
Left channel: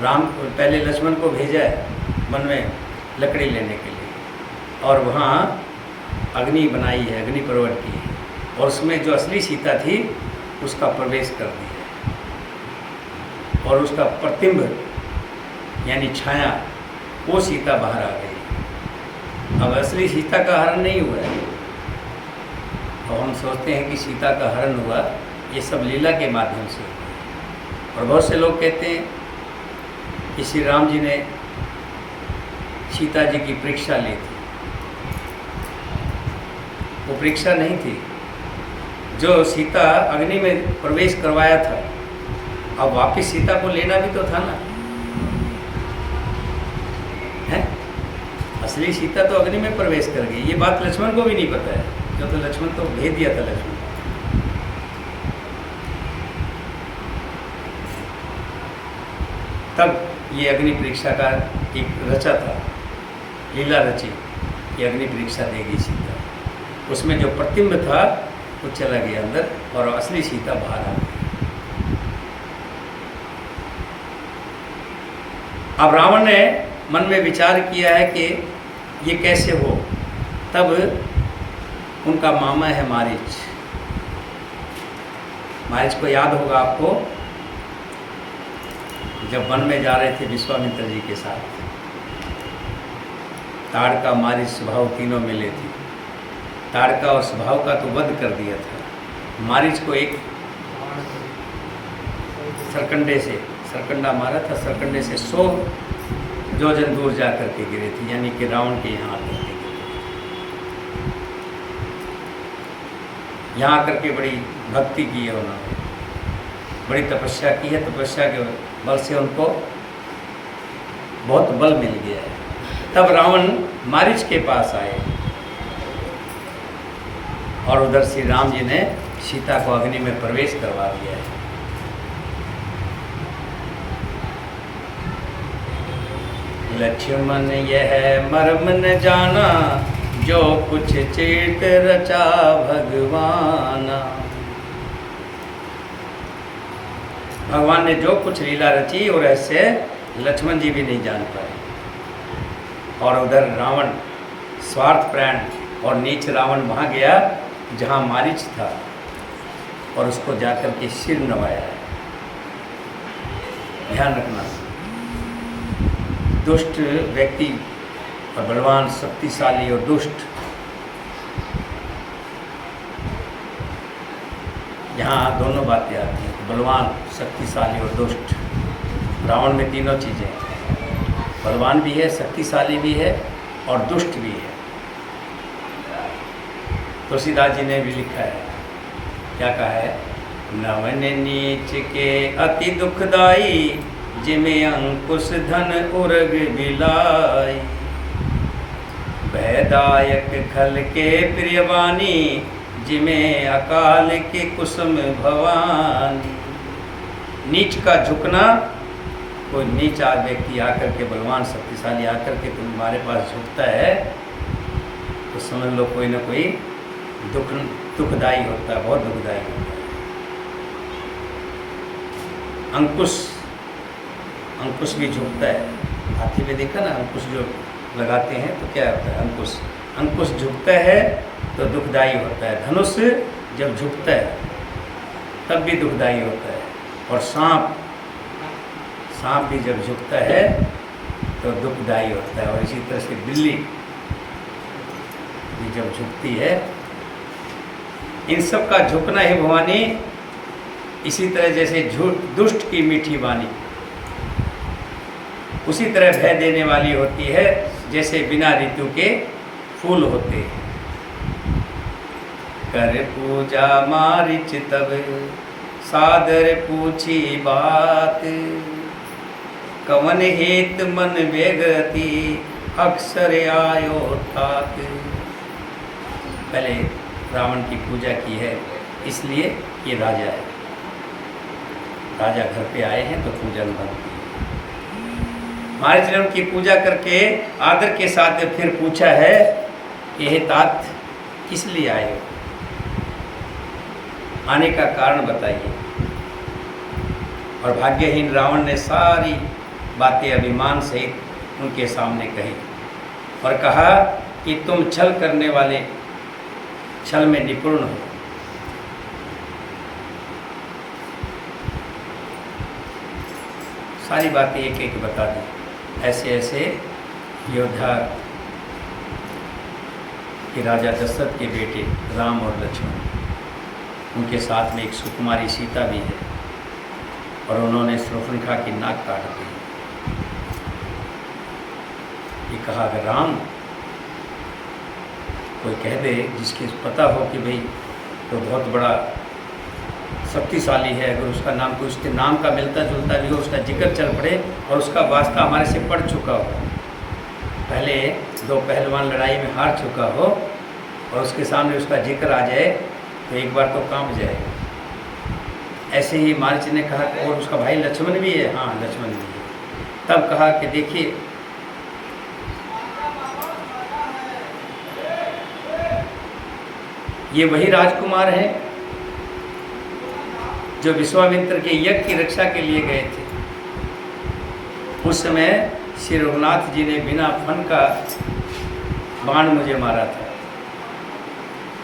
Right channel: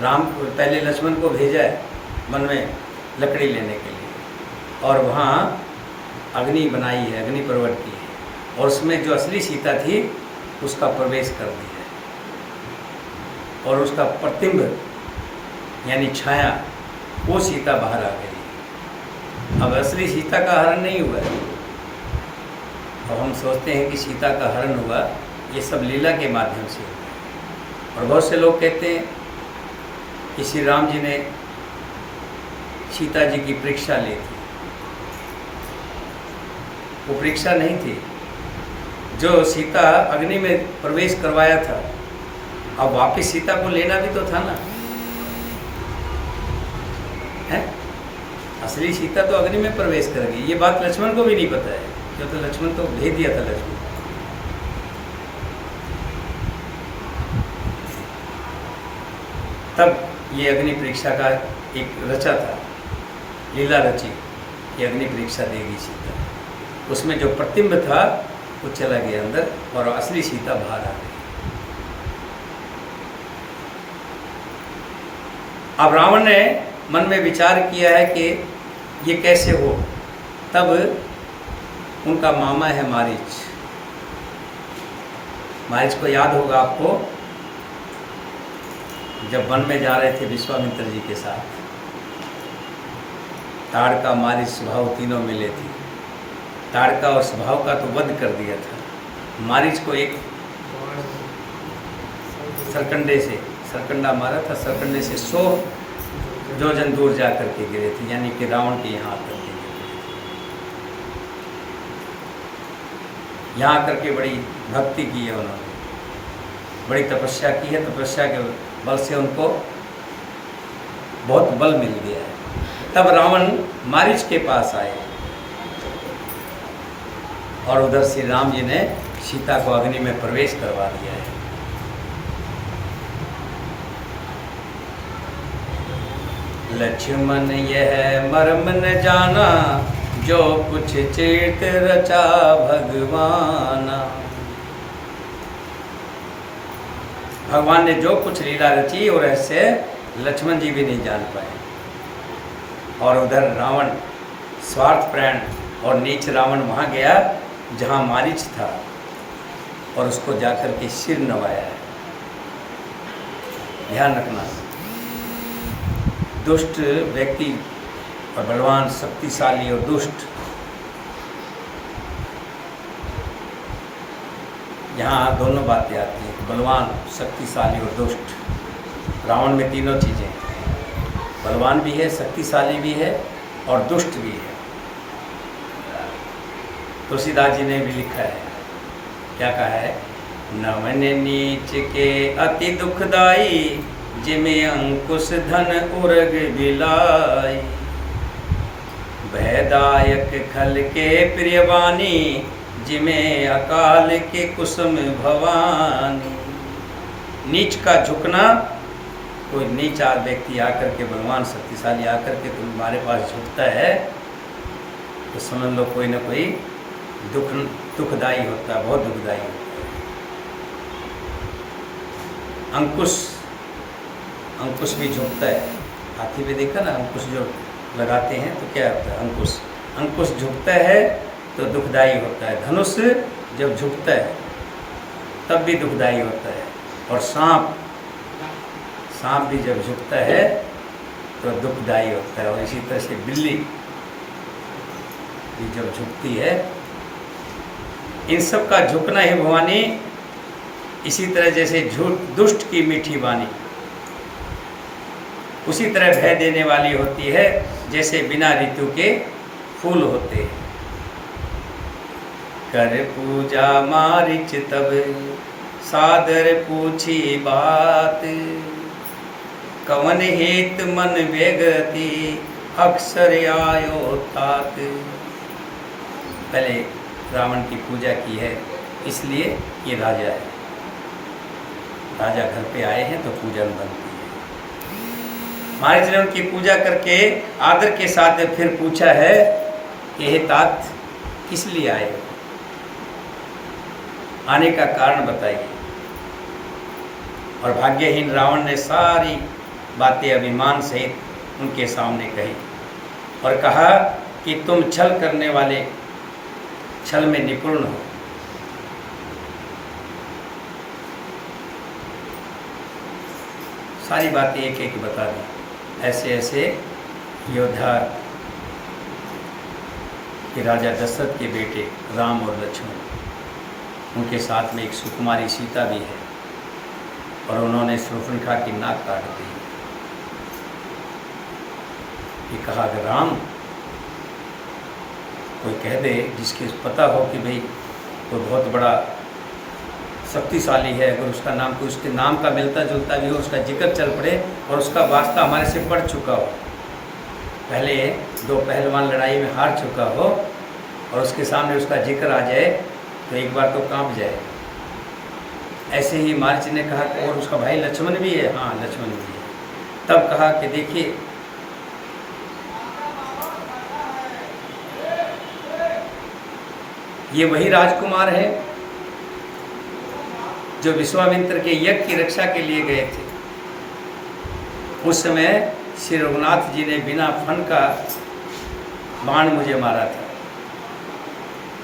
पहले लक्ष्मण को भेजा है वन में लकड़ी लेने के लिए, और वहाँ अग्नि बनाई है, अग्नि पर्वत की है, और उसमें जो असली सीता थी उसका प्रवेश कर दिया, और उसका प्रतिबिंब यानी छाया, वो सीता बाहर आ गई। अब असली सीता का हरण नहीं हुआ है। और हम सोचते हैं कि सीता का हरण हुआ, ये सब लीला के माध्यम से। और बहुत से लोग कहते हैं कि श्री राम जी ने सीता जी की परीक्षा ली थी। वो परीक्षा नहीं थी, जो सीता अग्नि में प्रवेश करवाया था, अब वापस सीता को लेना भी तो था ना, है? असली सीता तो अग्नि में प्रवेश कर गई। ये बात लक्ष्मण को भी नहीं पता है, क्यों? तो लक्ष्मण तो भेज दिया था लक्ष्मण। तब ये अग्नि परीक्षा का एक रचा था, लीला रची कि अग्नि परीक्षा देगी सीता। उसमें जो प्रतिबिंब था वो चला गया अंदर, और असली सीता बाहर आ गई। अब रावण ने मन में विचार किया है कि ये कैसे हो? तब उनका मामा है मारीच। मारीच को याद होगा आपको, जब वन में जा रहे थे विश्वामित्र जी के साथ, ताड़का मारीच स्वभाव तीनों मिले थे। ताड़का और स्वभाव का तो वध कर दिया था। मारीच को एक सरकंडा मारा था। सरकंडे से 100 योजन दूर जा करके गिरे थे, यानी कि रावण के यहाँ आकर के गिरे। यहाँ आकर के बड़ी भक्ति की है उन्होंने, बड़ी तपस्या की है। तपस्या के बल से उनको बहुत बल मिल गया है। तब रावण मारीच के पास आए और उधर श्री राम जी ने सीता को अग्नि में प्रवेश करवा दिया है। लक्ष्मण यह मर्म न जाना, जो कुछ चेत रचा भगवाना। भगवान ने जो कुछ लीला रची और रहस्य लक्ष्मण जी भी नहीं जान पाए। और उधर रावण स्वार्थपरायण और नीच रावण वहाँ गया जहाँ मारीच था और उसको जाकर के सिर नवाया है। ध्यान रखना, दुष्ट व्यक्ति और बलवान, शक्तिशाली और दुष्ट, यहाँ दोनों बातें आती हैं। बलवान, शक्तिशाली और दुष्ट। रावण में तीनों चीज़ें हैं, बलवान भी है, शक्तिशाली भी है और दुष्ट भी है। तुलसीदास जी ने भी लिखा है, क्या कहा है? नवन नीच के अति दुखदाई, जिमे अंकुश धन उर्ग बिलाई। भयदायक खल के प्रियवानी, जिमे अकाल के कुसुम भवानी। नीच का झुकना, कोई नीच व्यक्ति आकर के, बलवान शक्तिशाली आकर के तुम्हारे पास झुकता है तो समझ लो कोई ना कोई दुखदाई होता है, बहुत दुखदाई होता है। अंकुश भी झुकता है। हाथी में देखा ना, अंकुश जो लगाते हैं तो क्या होता है? अंकुश झुकता है तो दुखदाई होता है। धनुष जब झुकता है तब भी दुखदाई होता है। और सांप भी जब झुकता है तो दुखदाई होता है। और इसी तरह से बिल्ली भी जब झुकती है, इन सब का झुकना है भवानी। इसी तरह जैसे दुष्ट की मीठी वाणी उसी तरह भय देने वाली होती है, जैसे बिना ऋतु के फूल होते हैं। कर पूजा मारीच तब, सादर पूछी बात। कवन हेत मन वेगति, अक्सर आयो तात। पहले रावण की पूजा की है, इसलिए ये राजा है। राजा घर पे आए हैं तो पूजन बनती है। मारीच ने उनकी पूजा करके आदर के साथ फिर पूछा है कि हे तात, किस लिए आए हो? आने का कारण बताइए। और भाग्यहीन रावण ने सारी बातें अभिमान सहित उनके सामने कही और कहा कि तुम छल करने वाले, छल में निपुण हो। सारी बातें एक एक बता दी। ऐसे ऐसे योद्धा कि राजा दशरथ के बेटे राम और लक्ष्मण, उनके साथ में एक सुकुमारी सीता भी है और उन्होंने शूर्पणखा की नाक काट दी। ये कहा अगर राम कोई कह दे जिसके पता हो कि भाई तो बहुत बड़ा शक्तिशाली है, अगर उसका नाम कोई उसके नाम का मिलता जुलता भी हो, उसका जिक्र चल पड़े और उसका वास्ता हमारे से पड़ चुका हो, पहले 2 पहलवान लड़ाई में हार चुका हो और उसके सामने उसका जिक्र आ जाए तो एक बार तो कांप जाएगा। ऐसे ही मारीच ने कहा कि और उसका भाई लक्ष्मण भी है। हाँ, लक्ष्मण भी है। तब कहा कि देखिए, ये वही राजकुमार हैं जो विश्वामित्र के यज्ञ की रक्षा के लिए गए थे। उस समय श्री रघुनाथ जी ने बिना फन का बाण मुझे मारा था,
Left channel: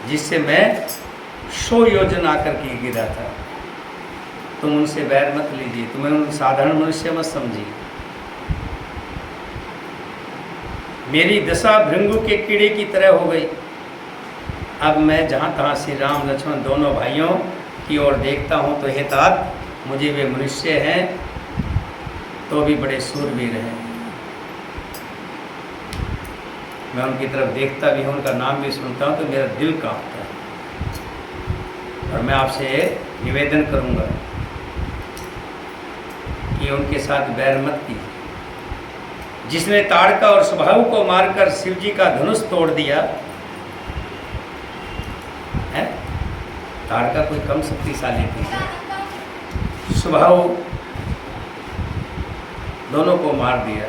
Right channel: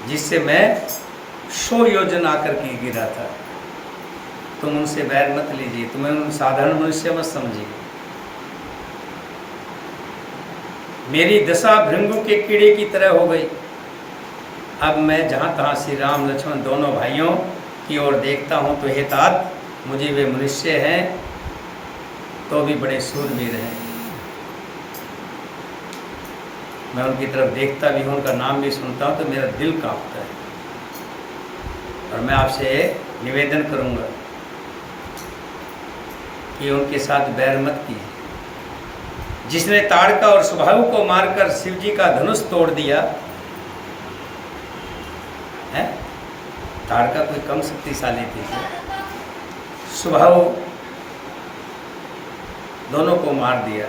जिससे मैं 100 योजन आकर के गिरा था। तुम उनसे बैर मत लीजिए, तुम्हें उन साधारण मनुष्य मत समझिए। मेरी दशा भृंगु के कीड़े की तरह हो गई। अब मैं जहाँ तहाँ श्री राम लक्ष्मण दोनों भाइयों की ओर देखता हूँ तो हे तात, मुझे वे मनुष्य हैं तो भी बड़े सूरवीर हैं। मैं उनकी तरफ देखता भी हूँ, उनका नाम भी सुनता हूँ तो मेरा दिल कांपता है। और मैं आपसे निवेदन करूँगा कि उनके साथ बैर मत कीजिए। जिसने ताड़का और सुबाहु को मारकर शिव जी का धनुष तोड़ दिया है, ताड़का कोई कम शक्तिशाली थी, सुबाहु दोनों को मार दिया।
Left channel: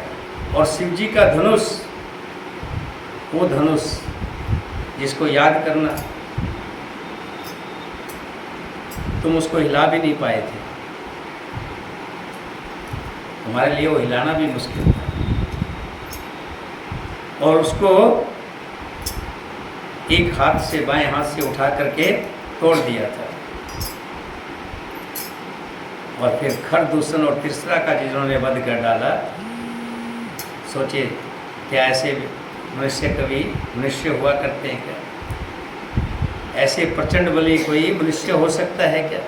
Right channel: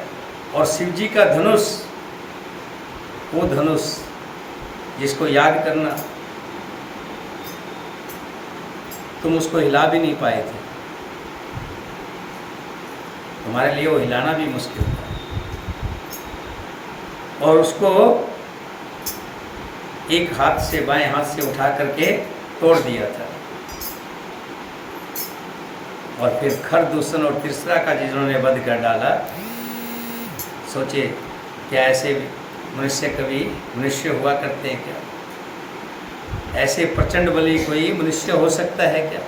और शिव जी का धनुष, वो धनुष जिसको याद करना तुम उसको हिला भी नहीं पाए थे, तुम्हारे लिए वो हिलाना भी मुश्किल था। और उसको एक हाथ से, बाएं हाथ से उठा करके तोड़ दिया था। और फिर खरदूषण और तीसरा का जिन्होंने वध कर डाला, सोचे क्या ऐसे मनुष्य कभी मनुष्य हुआ करते हैं क्या? ऐसे प्रचंड बली कोई मनुष्य हो सकता है क्या?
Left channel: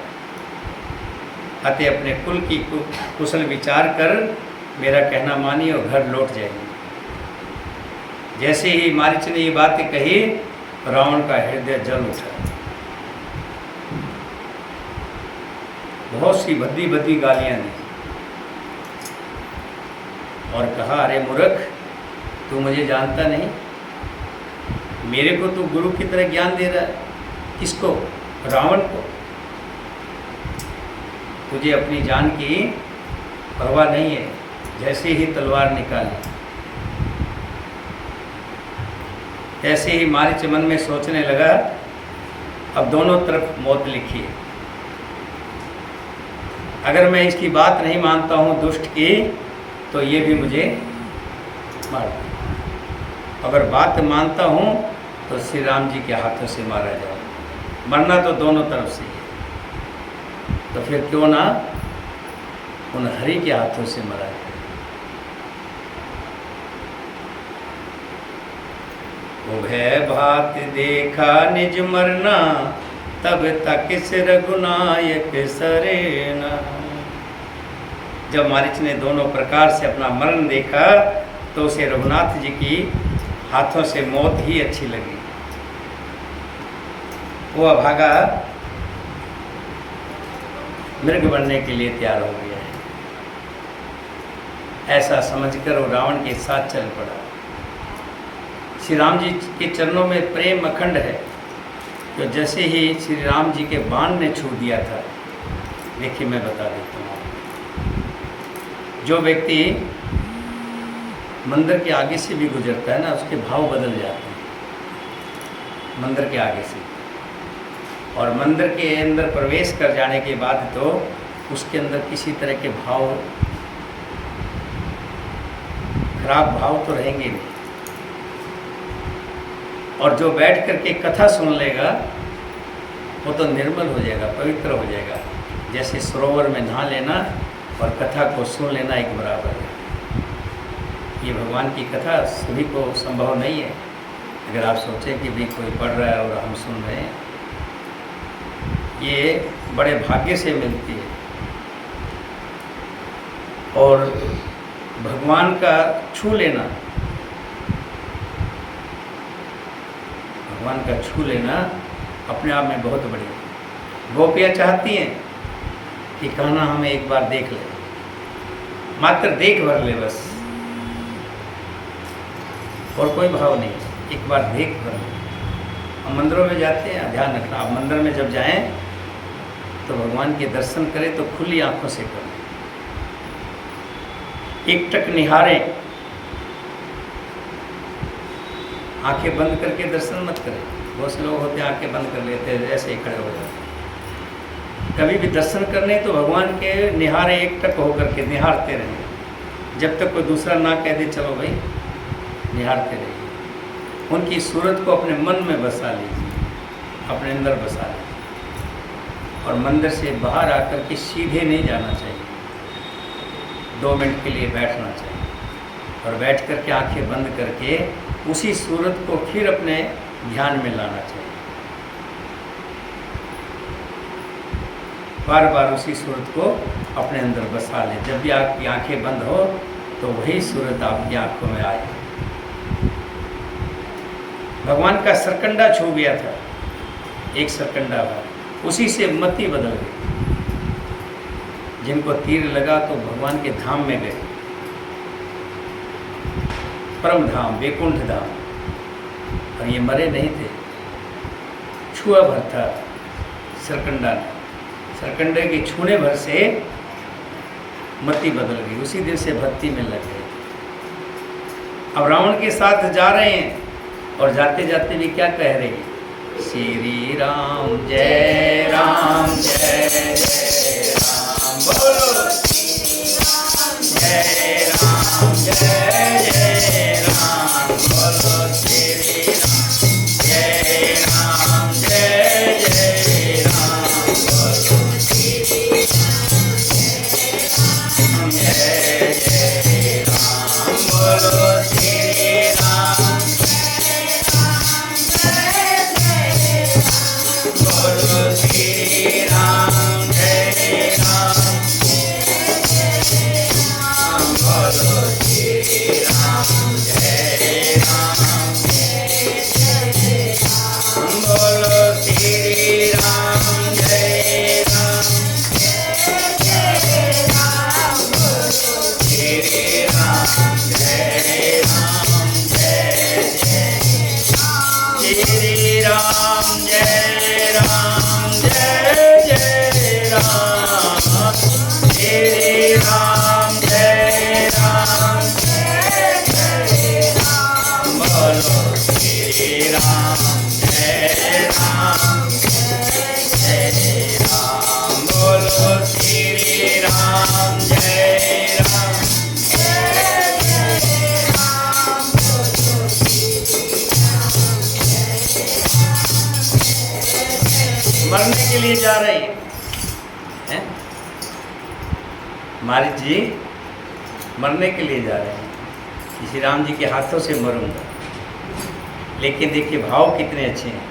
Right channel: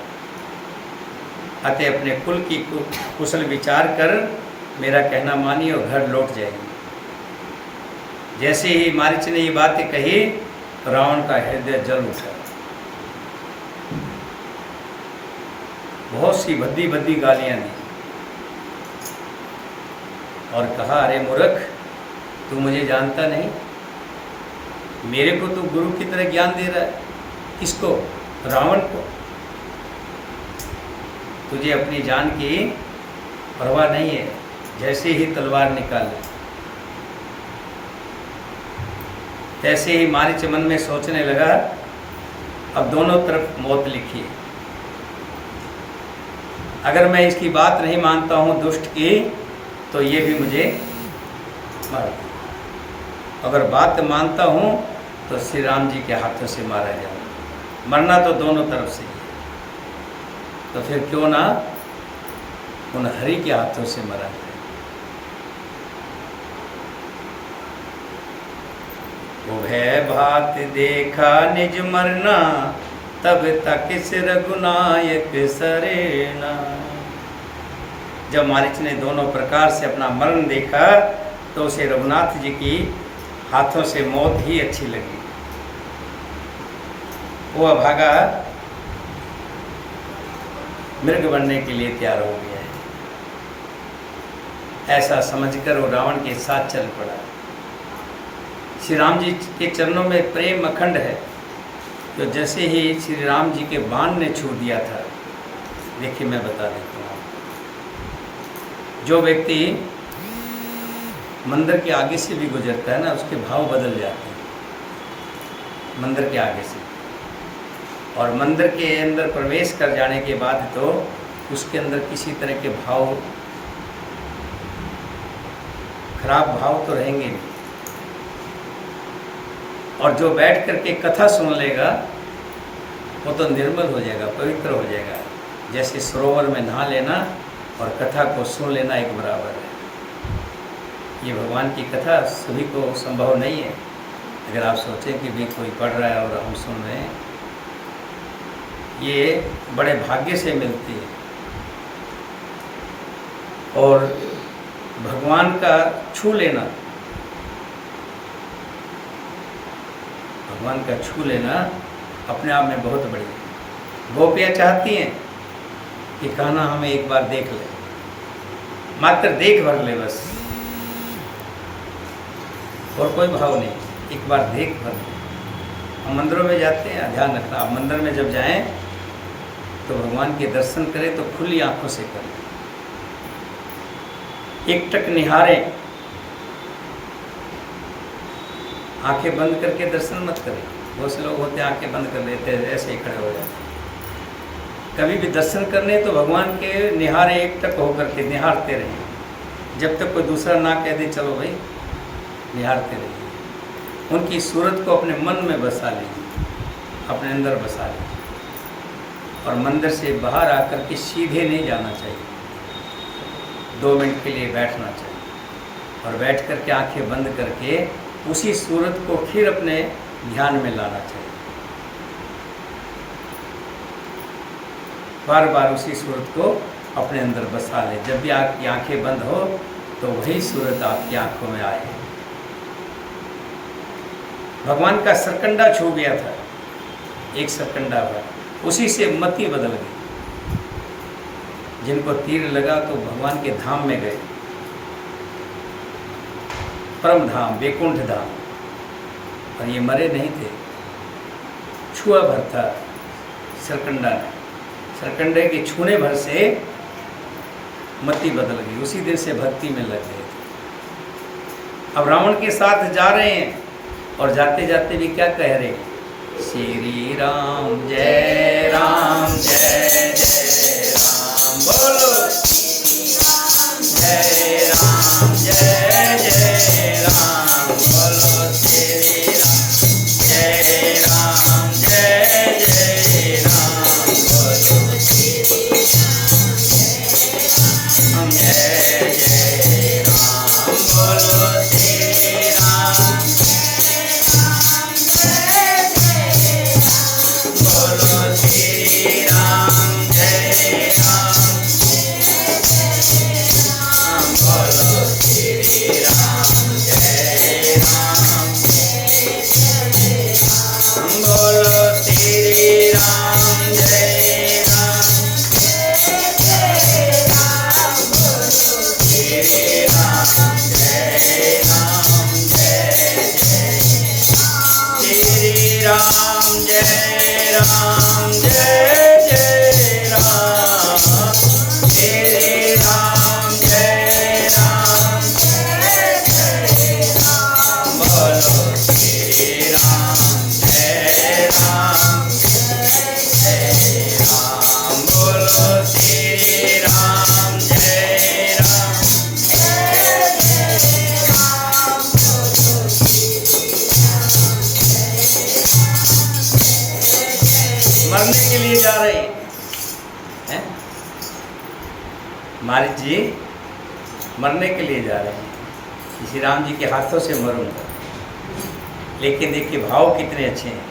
अतः अपने कुल की कुशल विचार कर मेरा कहना मानिए और घर लौट जाइए। जैसे ही मारीच ने ये बातें कही, रावण का हृदय जल उठा। बहुत सी भद्दी भद्दी गालियां दी और कहा, अरे मूर्ख, तू मुझे जानता नहीं, मेरे को तू गुरु की तरह ज्ञान दे रहा है। किसको? रावण को। तुझे अपनी जान की परवाह नहीं है। जैसे ही तलवार निकाली, तैसे ही मारीच मन में सोचने लगा, अब दोनों तरफ मौत लिखी है। अगर मैं इसकी बात नहीं मानता हूँ दुष्ट की, तो ये भी मुझे मार दे। अगर बात मानता हूँ तो श्री राम जी के हाथों से मारा जाए। मरना तो दोनों तरफ से है, तो फिर क्यों ना उन हरि के हाथों से मरा जाए। उभय भात देखा निज मरना, तब तक इस रघुनायक सरेना। जब मारीच ने दोनों प्रकार से अपना मरण देखा तो उसे रघुनाथ जी की हाथों से मौत ही अच्छी लगी। वो अभागा मृग बनने के लिए तैयार हो गया है। ऐसा समझकर वो रावण के साथ चल पड़ा। श्री राम जी के चरणों में प्रेम अखंड है। तो जैसे ही श्री राम जी के बाण ने छू दिया था, देखिए मैं बता देता हूँ, जो व्यक्ति मंदिर के आगे से भी गुजरता है ना, उसके भाव बदल जाते हैं मंदिर के आगे से। और मंदिर के अंदर प्रवेश कर जाने के बाद तो उसके अंदर किसी तरह के भाव, खराब भाव तो रहेंगे नहीं। और जो बैठ करके कथा सुन लेगा वो तो निर्मल हो जाएगा, पवित्र हो जाएगा। जैसे सरोवर में नहा लेना और कथा को सुन लेना एक बराबर है। ये भगवान की कथा सभी को संभव नहीं है। अगर आप सोचें कि भी कोई पढ़ रहा है और हम सुन रहे हैं, ये बड़े भाग्य से मिलती है। और भगवान का छू लेना, भगवान का छू लेना अपने आप में बहुत बड़ी है। गोपियाँ चाहती हैं कि कहना हमें एक बार देख ले, मात्र देख भर ले बस, और कोई भाव नहीं, एक बार देख भर ले। हम मंदिरों में जाते हैं, ध्यान रखना, आप मंदिर में जब जाएं तो भगवान के दर्शन करें तो खुली आंखों से करें, एकटक निहारें, आंखें बंद करके दर्शन मत करें। बहुत से लोग होते हैं आंखें बंद कर लेते हैं, ऐसे ही खड़े हो जाते हैं। कभी भी दर्शन करने तो भगवान के निहारे, एकटक होकर के निहारते रहें, जब तक कोई दूसरा ना कह दे चलो भाई निहारते रहिए। उनकी सूरत को अपने मन में बसा लीजिए, अपने अंदर बसा लीजिए। और मंदिर से बाहर आकर के सीधे नहीं जाना चाहिए, 2 मिनट के लिए बैठना चाहिए और बैठ कर के आँखें बंद करके उसी सूरत को फिर अपने ध्यान में लाना चाहिए। बार बार उसी सूरत को अपने अंदर बसा लें। जब भी आपकी आंखें बंद हो तो वही सूरत आपकी आंखों में आए। भगवान का सरकंडा छू गया था, एक सरकंडा था, उसी से मति बदल गई। जिनको तीर लगा तो भगवान के धाम में गए, परम धाम, वैकुंठ धाम। और ये मरे नहीं थे, छुआ भर था सरकंडा ने। सरकंडे के छूने भर से मति बदल गई, उसी दिन से भक्ति में लग गए थे। अब रावण के साथ जा रहे हैं और जाते जाते भी क्या कह रहे हैं? श्री राम जय राम जय जय राम, बोलो जय राम जय जय राम, बोलो श्री राम जय राम जय जय राम, बोलो श्री राम जय जय राम, बोलो श्री राम, बोलो श्री राम जय राम, बोलो श्री राम जय राम, बोलो श्री राम जय राम, श्री राम जय राम जय जय, श्री राम जय राम जय जय राम, श्री राम जय राम जय जय राम, बोलो श्री राम जय राम जय राम, बोलो श्री राम जय राम। मरने के लिए जा रहे हैं, महाराज जी मरने के लिए जा रहे हैं कि श्री राम जी के हाथों से मरूंगा। लेकिन देखिए भाव कितने अच्छे हैं।